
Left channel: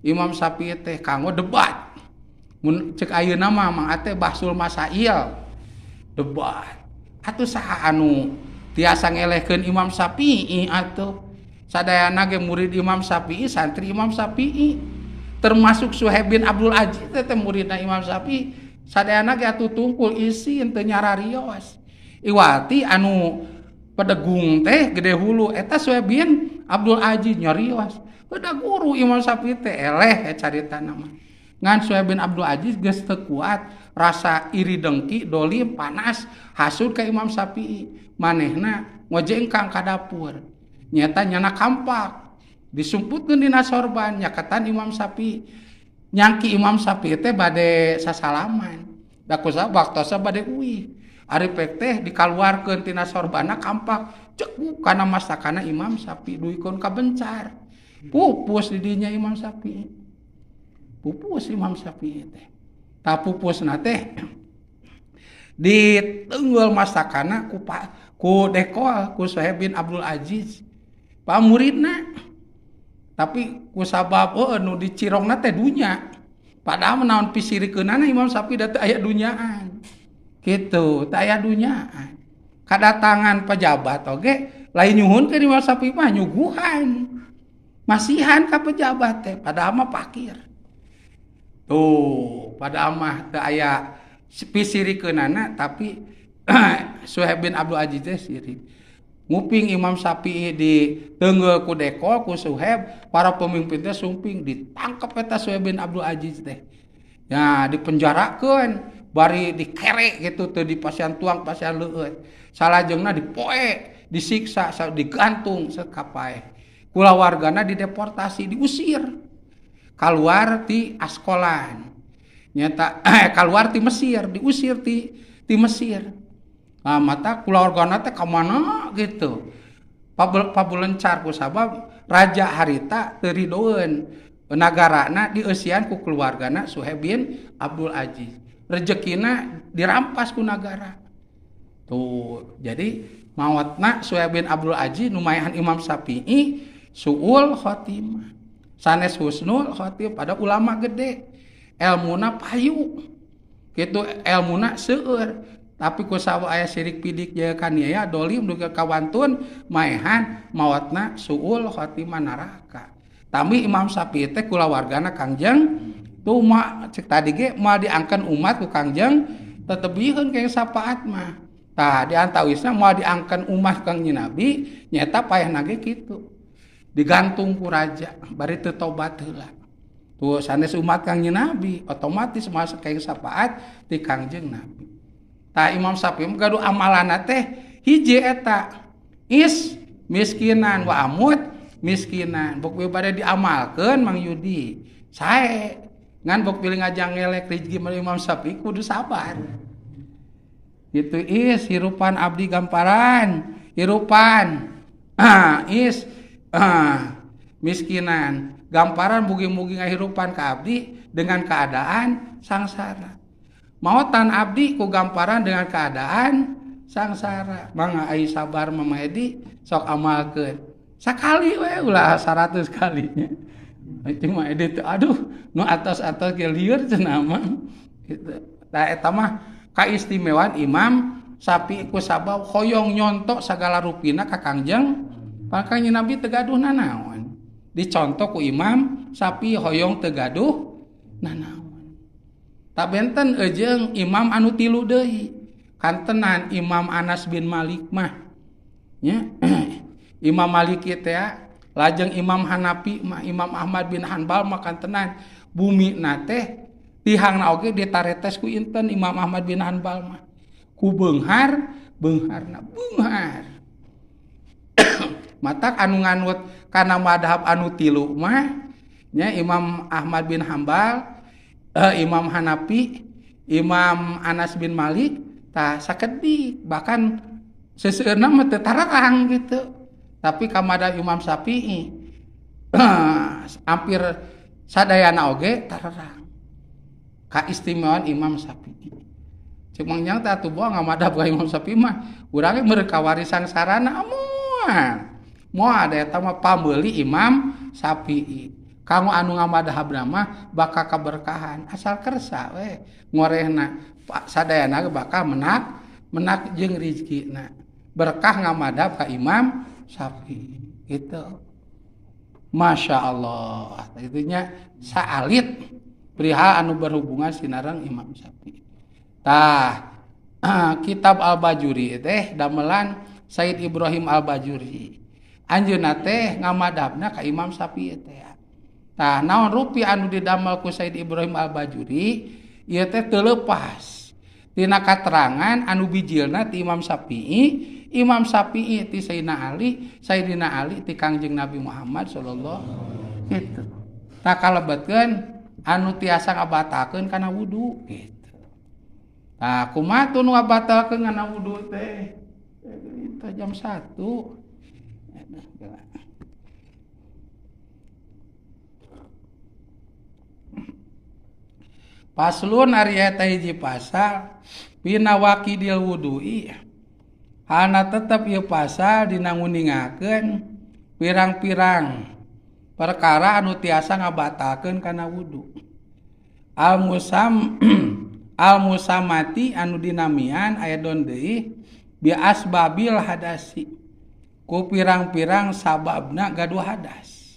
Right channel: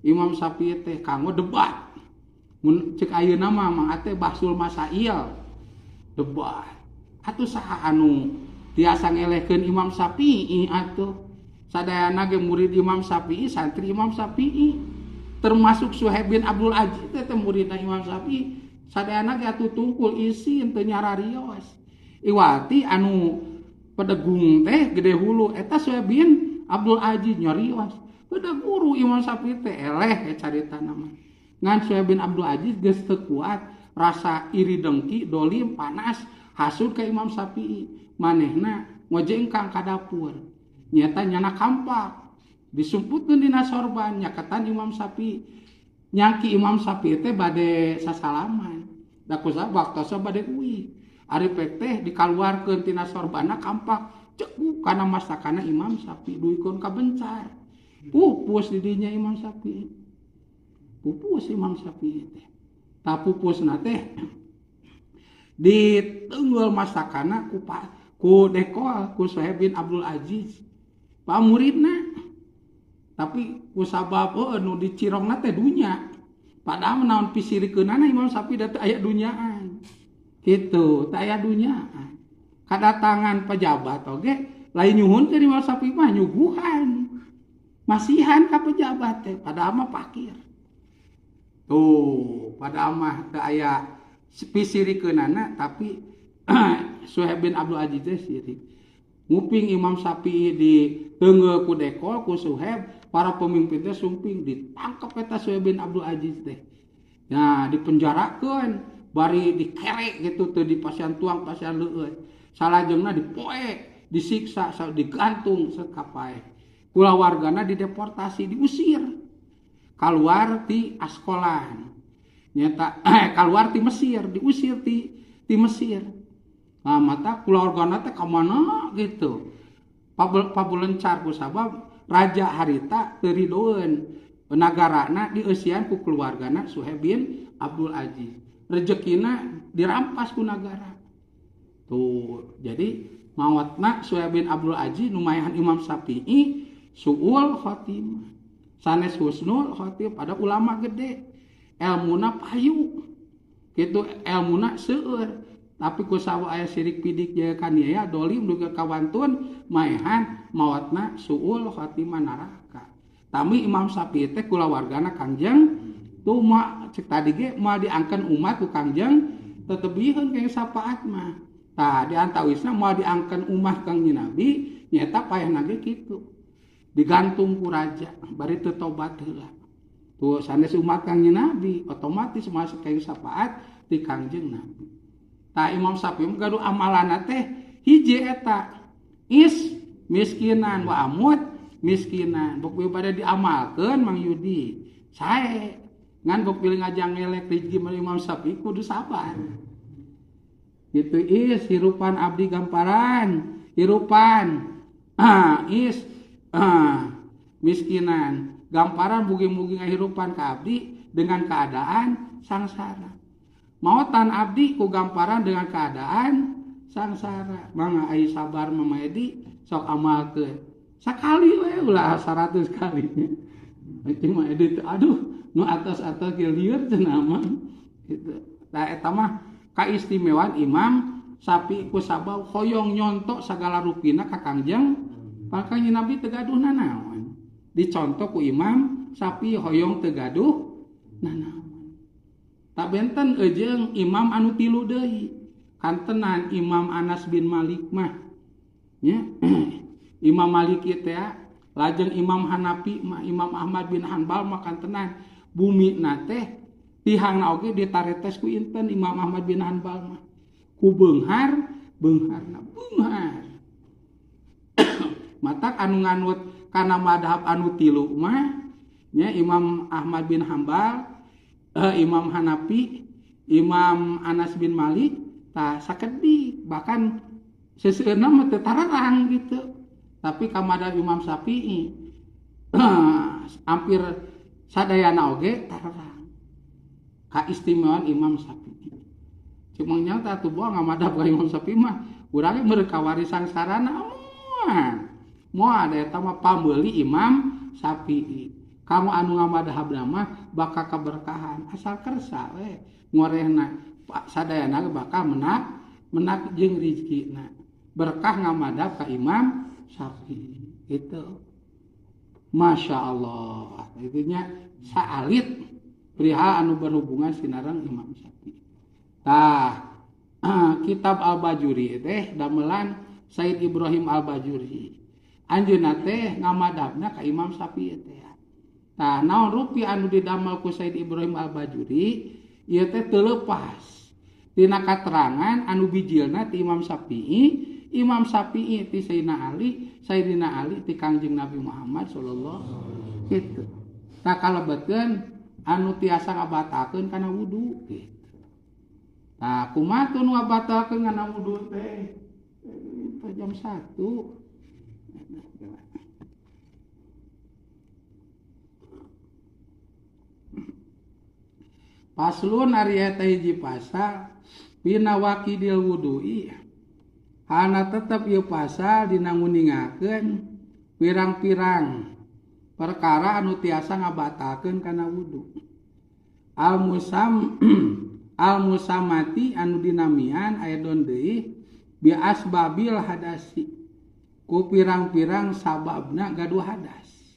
Imam Syafi'i teh kanggo debat. Mun ceuk ayeuna mah Mang Ate bahsul masail. Debat. Atuh saha anu tiasa ngelehkeun Imam Syafi'i atuh. Sadayana ge murid Imam Syafi'i, santri Imam Syafi'i. Termasuk Suhaib bin Abdul Aziz teh muridna Imam Syafi'i. Sadayana ge atuh tungkul isin teu nyararios. Iwati anu pedegung teh gede hulu eta Suhaib bin Abdul Aziz nyarios udah guru Imam Syafi'i teh eleh carita nama ngan Suhaib bin Abdul Aziz geus teu kuat rasa iri dengki dolim panas hasud ka Imam Syafi'i manehna ngojengkang ka dapur nyata nyana kampak disumputkeun dina sorban nyakatan Imam Syafi'i nyangki Imam Syafi'i teh bade sasalaman da kusaha waktosa bade uwi ari pek teh dikaluarkeun tina sorbana kampak cekuk kana masakana Imam Syafi'i duikeun ka bencar pupus di dinya Imam Syafi'i pupus Imam Syafi'i teh ta pupusna teh ditenggel masakana ku dekol ku Suhaib bin Abdul Aziz pamuridna tapi ku sabab nu dicirongna teh dunya padahal naon pisirikeunana Imam Syafi'i da teu aya dunyaan kitu teu aya dunyaan kadatangan pejabat oge lain nyuhun ke Imam Syafi'i mah nyuguhan masihan ka pejabat teh padahal mah fakir tuh padahal mah teu aya pisirikeunana tapi Suhaib bin Abdul Aziz teh sirik nguping Imam Syafi'i di teungeul ku dekol ku Suhaib para pemimpin teh sumping ditangkap eta Suhaib bin Abdul Aziz teh ya dipenjarakeun bari dikere gitu teu dipasian tuang pasian leueut salajengna dipoe disiksa digantung sekapae kulawargana dideportasi diusir keluar ti Askolan nyata keluar ti Mesir diusir ti Mesir nah, mata kulawargana teh ka mana gitu pabulencar ku sabab raja harita teu ridoeun nagarana dieusian ku keluargana Suhaib bin Abdul Aziz rezekina dirampas ku nagara tuh jadi maotna Suhaib bin Abdul Aziz numayahan Imam Syafi'i suul khotimah sanes husnul khotimah pada ulama gede elmuna payu gitu elmuna seueur tapi ku sawa aya sirik pidik jeung kaniaya dolim duga kawantun maehan maotna suul khotimah neraka tami Imam Syafi'i teh kulawargana Kangjeng tuh mah cek tadi ge mah diangkeun umat ku Kangjeng tetebieun ke sapaat mah tah diantawisna mah diangkeun umat Kangjeng Nabi nyata payahna ge kitu digantung ku raja bari teu tobat heula tuh sanes umat Kangjeng Nabi otomatis masuk ke sapaat ti Kangjeng Nabi tah Imam Syafi'i gaduh amalana teh hiji eta miskinan wa amut miskinan bok bade diamalkeun Mang Yudi sae ngan bok pilih ngajang ngelek rezeki Imam Syafi'i kudu sabar itu hirupan abdi gamparan hirupan miskinan gamparan mugi-mugi ngahirupan ka abdi dengan keadaan sangsara maotan abdi ku gamparan dengan keadaan sangsara mangga ai sabar Mama Edi sok amalkeun sakali we ulah 100 kalinya cuma Edi aduh nu atos-atos ge lieur cenah mah gitu tah eta mah kaistimewaan Imam Syafi'i ku sabab hoyong nyontok sagala rupina ka Kangjeng Kangjeng Nabi teu gaduh nanaon dicontoh ku Imam Syafi'i hoyong teu gaduh nanaon tak benten ejeung imam anu tilu deui kantenan Imam Anas bin Malik mah nya Imam Malik teh lajeng Imam Hanafi mah Imam Ahmad bin Hanbal mah kantenan bumi na teh tihangna oge ditaretes ku inten Imam Ahmad bin Hanbal mah ku beunghar beungharna beunghar matak anu nganut kana madhab anu tilu mah nya Imam Ahmad bin Hanbal Imam Hanafi, Imam Anas bin Malik, tah sakedik bahkan seseueurna mah teu tararang gitu. Tapi ka madhab Imam Syafi'i hampir sadayana oge tararang. Kaistimewaan Imam Syafi'i. Cek mangnya tah atuh boa ngamadhab ka Imam Syafi'i mah urang ge meureun kawarisan sarana moal ada eta mah pameuli Imam Syafi'i. Kamu anu ngamadhab mah bakal kaberkahan asal kersa we ngorehna sadayana bakal menak jeung rezekina berkah ngamadhab ka Imam Syafi'i gitu Masya Allah itunya saalit perihal anu berhubungan sinareng Imam Syafi'i tah kitab Al-Bajuri teh damelan Said Ibrahim Al-Bajuri anjeunna teh ngamadhabna ka Imam Syafi'i teh. Tah naon rupi anu didamel ku Said Ibrahim Al-Bajuri ieu teh teu leupas tina katerangan anu bijilna ti Imam Syafi'i ti Sayyidina Ali ti Kangjeng Nabi Muhammad sallallahu gitu. Tah kalebetkeun anu tiasa ngabatalkeun kana wudu gitu. Tah kumaha tun ngabatalkeun kana wudu teh? Eta jam 1. Paslun ari eta hiji pasal pina waqidil wudu'i. Hana tetep ieu pasal dina nguningakeun pirang-pirang perkara anu tiasa ngabatalkeun kana wudu. Al-musamati anu dinamian ayadon deui bi asbabil hadasi. Ku pirang-pirang sababna gaduh hadas.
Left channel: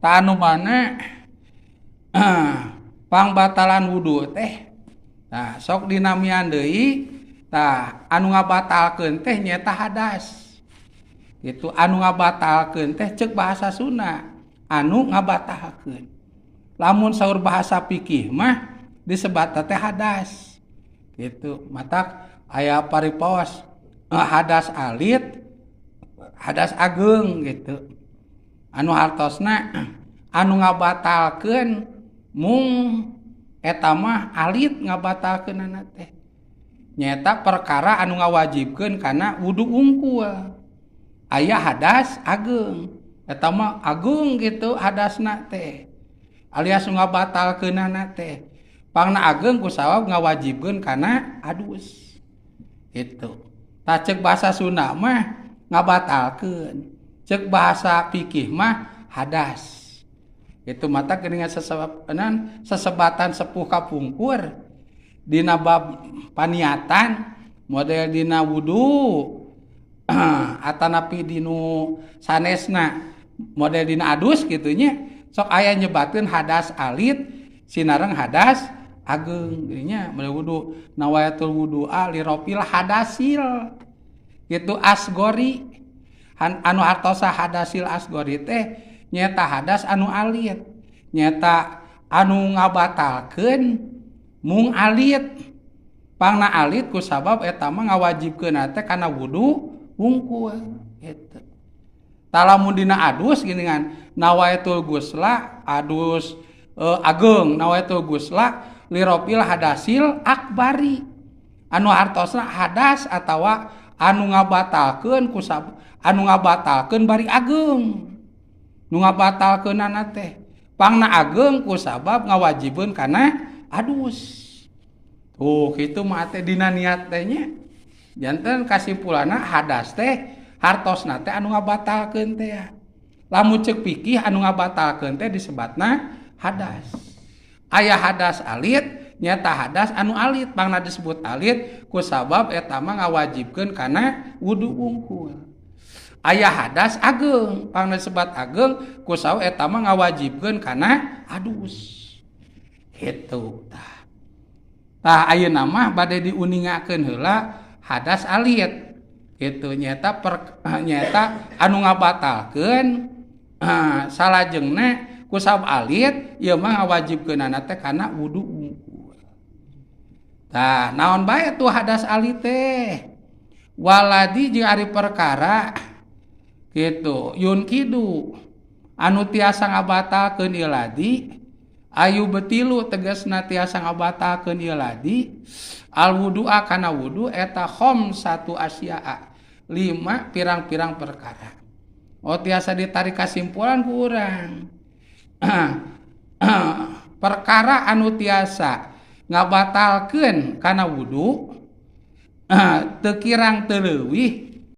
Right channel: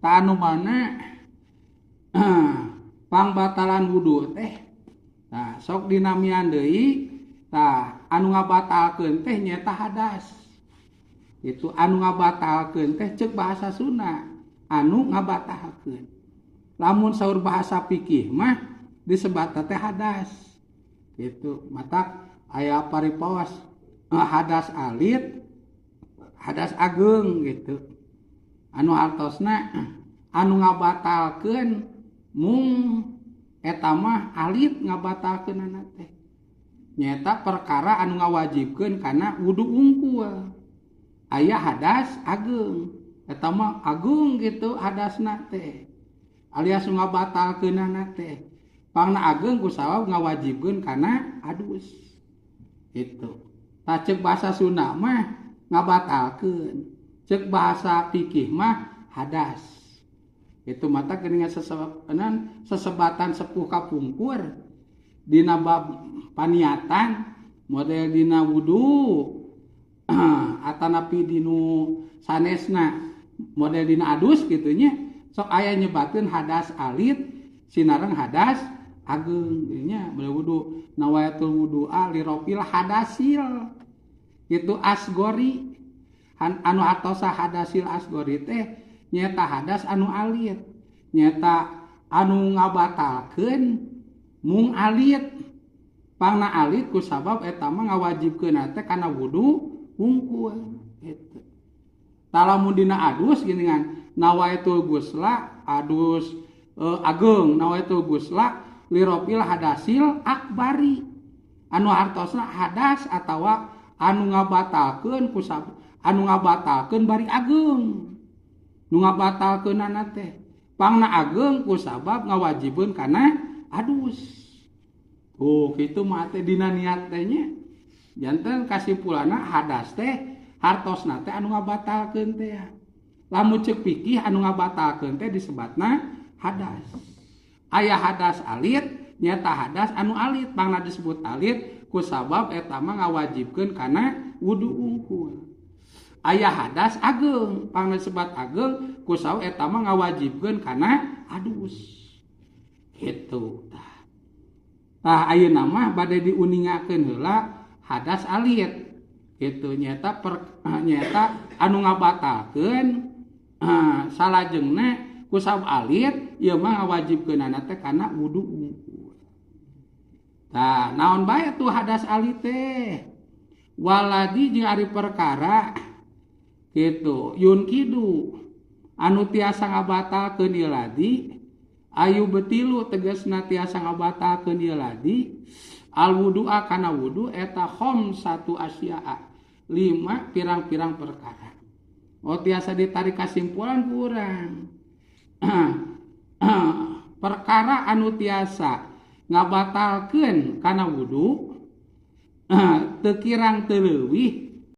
Ta anu mana pangbatalan wudu teh nah sok dinamian deui tah anu ngabatalkeun teh nyaeta hadas itu anu ngabatalkeun teh ceuk bahasa Sunda anu ngabatalkeun lamun saur bahasa fikih mah disebat teh hadas gitu matak aya paripaos hadas alit hadas ageung gitu anu hartosna anu ngabatalkeun mung eta mah alit ngabatalkeunana teh nyaeta perkara anu ngawajibkeun kana wudu unggul aya hadas ageung eta mah agung gitu hadasna teh alias ngabatalkeunana teh pangna ageung ku sabab ngawajibkeun kana adus itu tah ceuk bahasa Sunda mah ngabatalkeun ceuk bahasa fikih mah hadas itu mata geuningan sesebatan sepuh kapungkur dina bab paniatan model dina wudu atanapi dinu sanesna model dina adus gitunya sok aya nyebatkeun hadas alit sinareng hadas ageung nya wudu nawayatul wudu'a li rafil hadasil gitu asgori anu hartosa hadasil asgori teh nyata hadas anu alit nyata anu ngabatalkeun mung alit pangna alit ku sabab eta mah ngawajibkeun teh kana wudu wungkul eta talamun dina adus geuningan nawaitul gusla adus ageung nawaitul gusla lirofil hadasil akbari anu hartosna hadas atawa anu ngabatalkeun ku sabab anu ngabatalkeun bari ageung nu ngabatalkeunana teh pangna ageung ku sabab ngawajibkeun kana adus. Tuh kitu mah teh dina niat teh nya. Janten kasimpulanna hadas teh hartosna teh anu ngabatalkeun teh. Lamun ceuk fikih anu ngabatalkeun teh disebatna hadas. Aya hadas alit nyata hadas anu alit pangna disebut alit ku sabab eta mah ngawajibkeun kana wudu wungkul. Aya hadas ageung pangna sebat ageung ku sabab eta mah ngawajibkeun kana adus kitu tah ayeuna mah bade diuningakeun heula hadas alit kitu nyata nyata anu ngabatalkeun salajengna ku sabab alit ieu mah ngawajibkeunana teh kana wudu wungkul tah naon bae tuh hadas alit teh waladi jeung ari perkara gitu yun kidu anu tiasa ngabatalkeun ieu ladi ayu betilu tegasna tiasa ngabatalkeun ieu ladi al wudu'a kana wudu eta khamsatu asya'a 5 pirang-pirang perkara tiasa ditarik kasimpulan ku urang perkara anu tiasa ngabatalkeun kana wudu teu kirang teu leuwih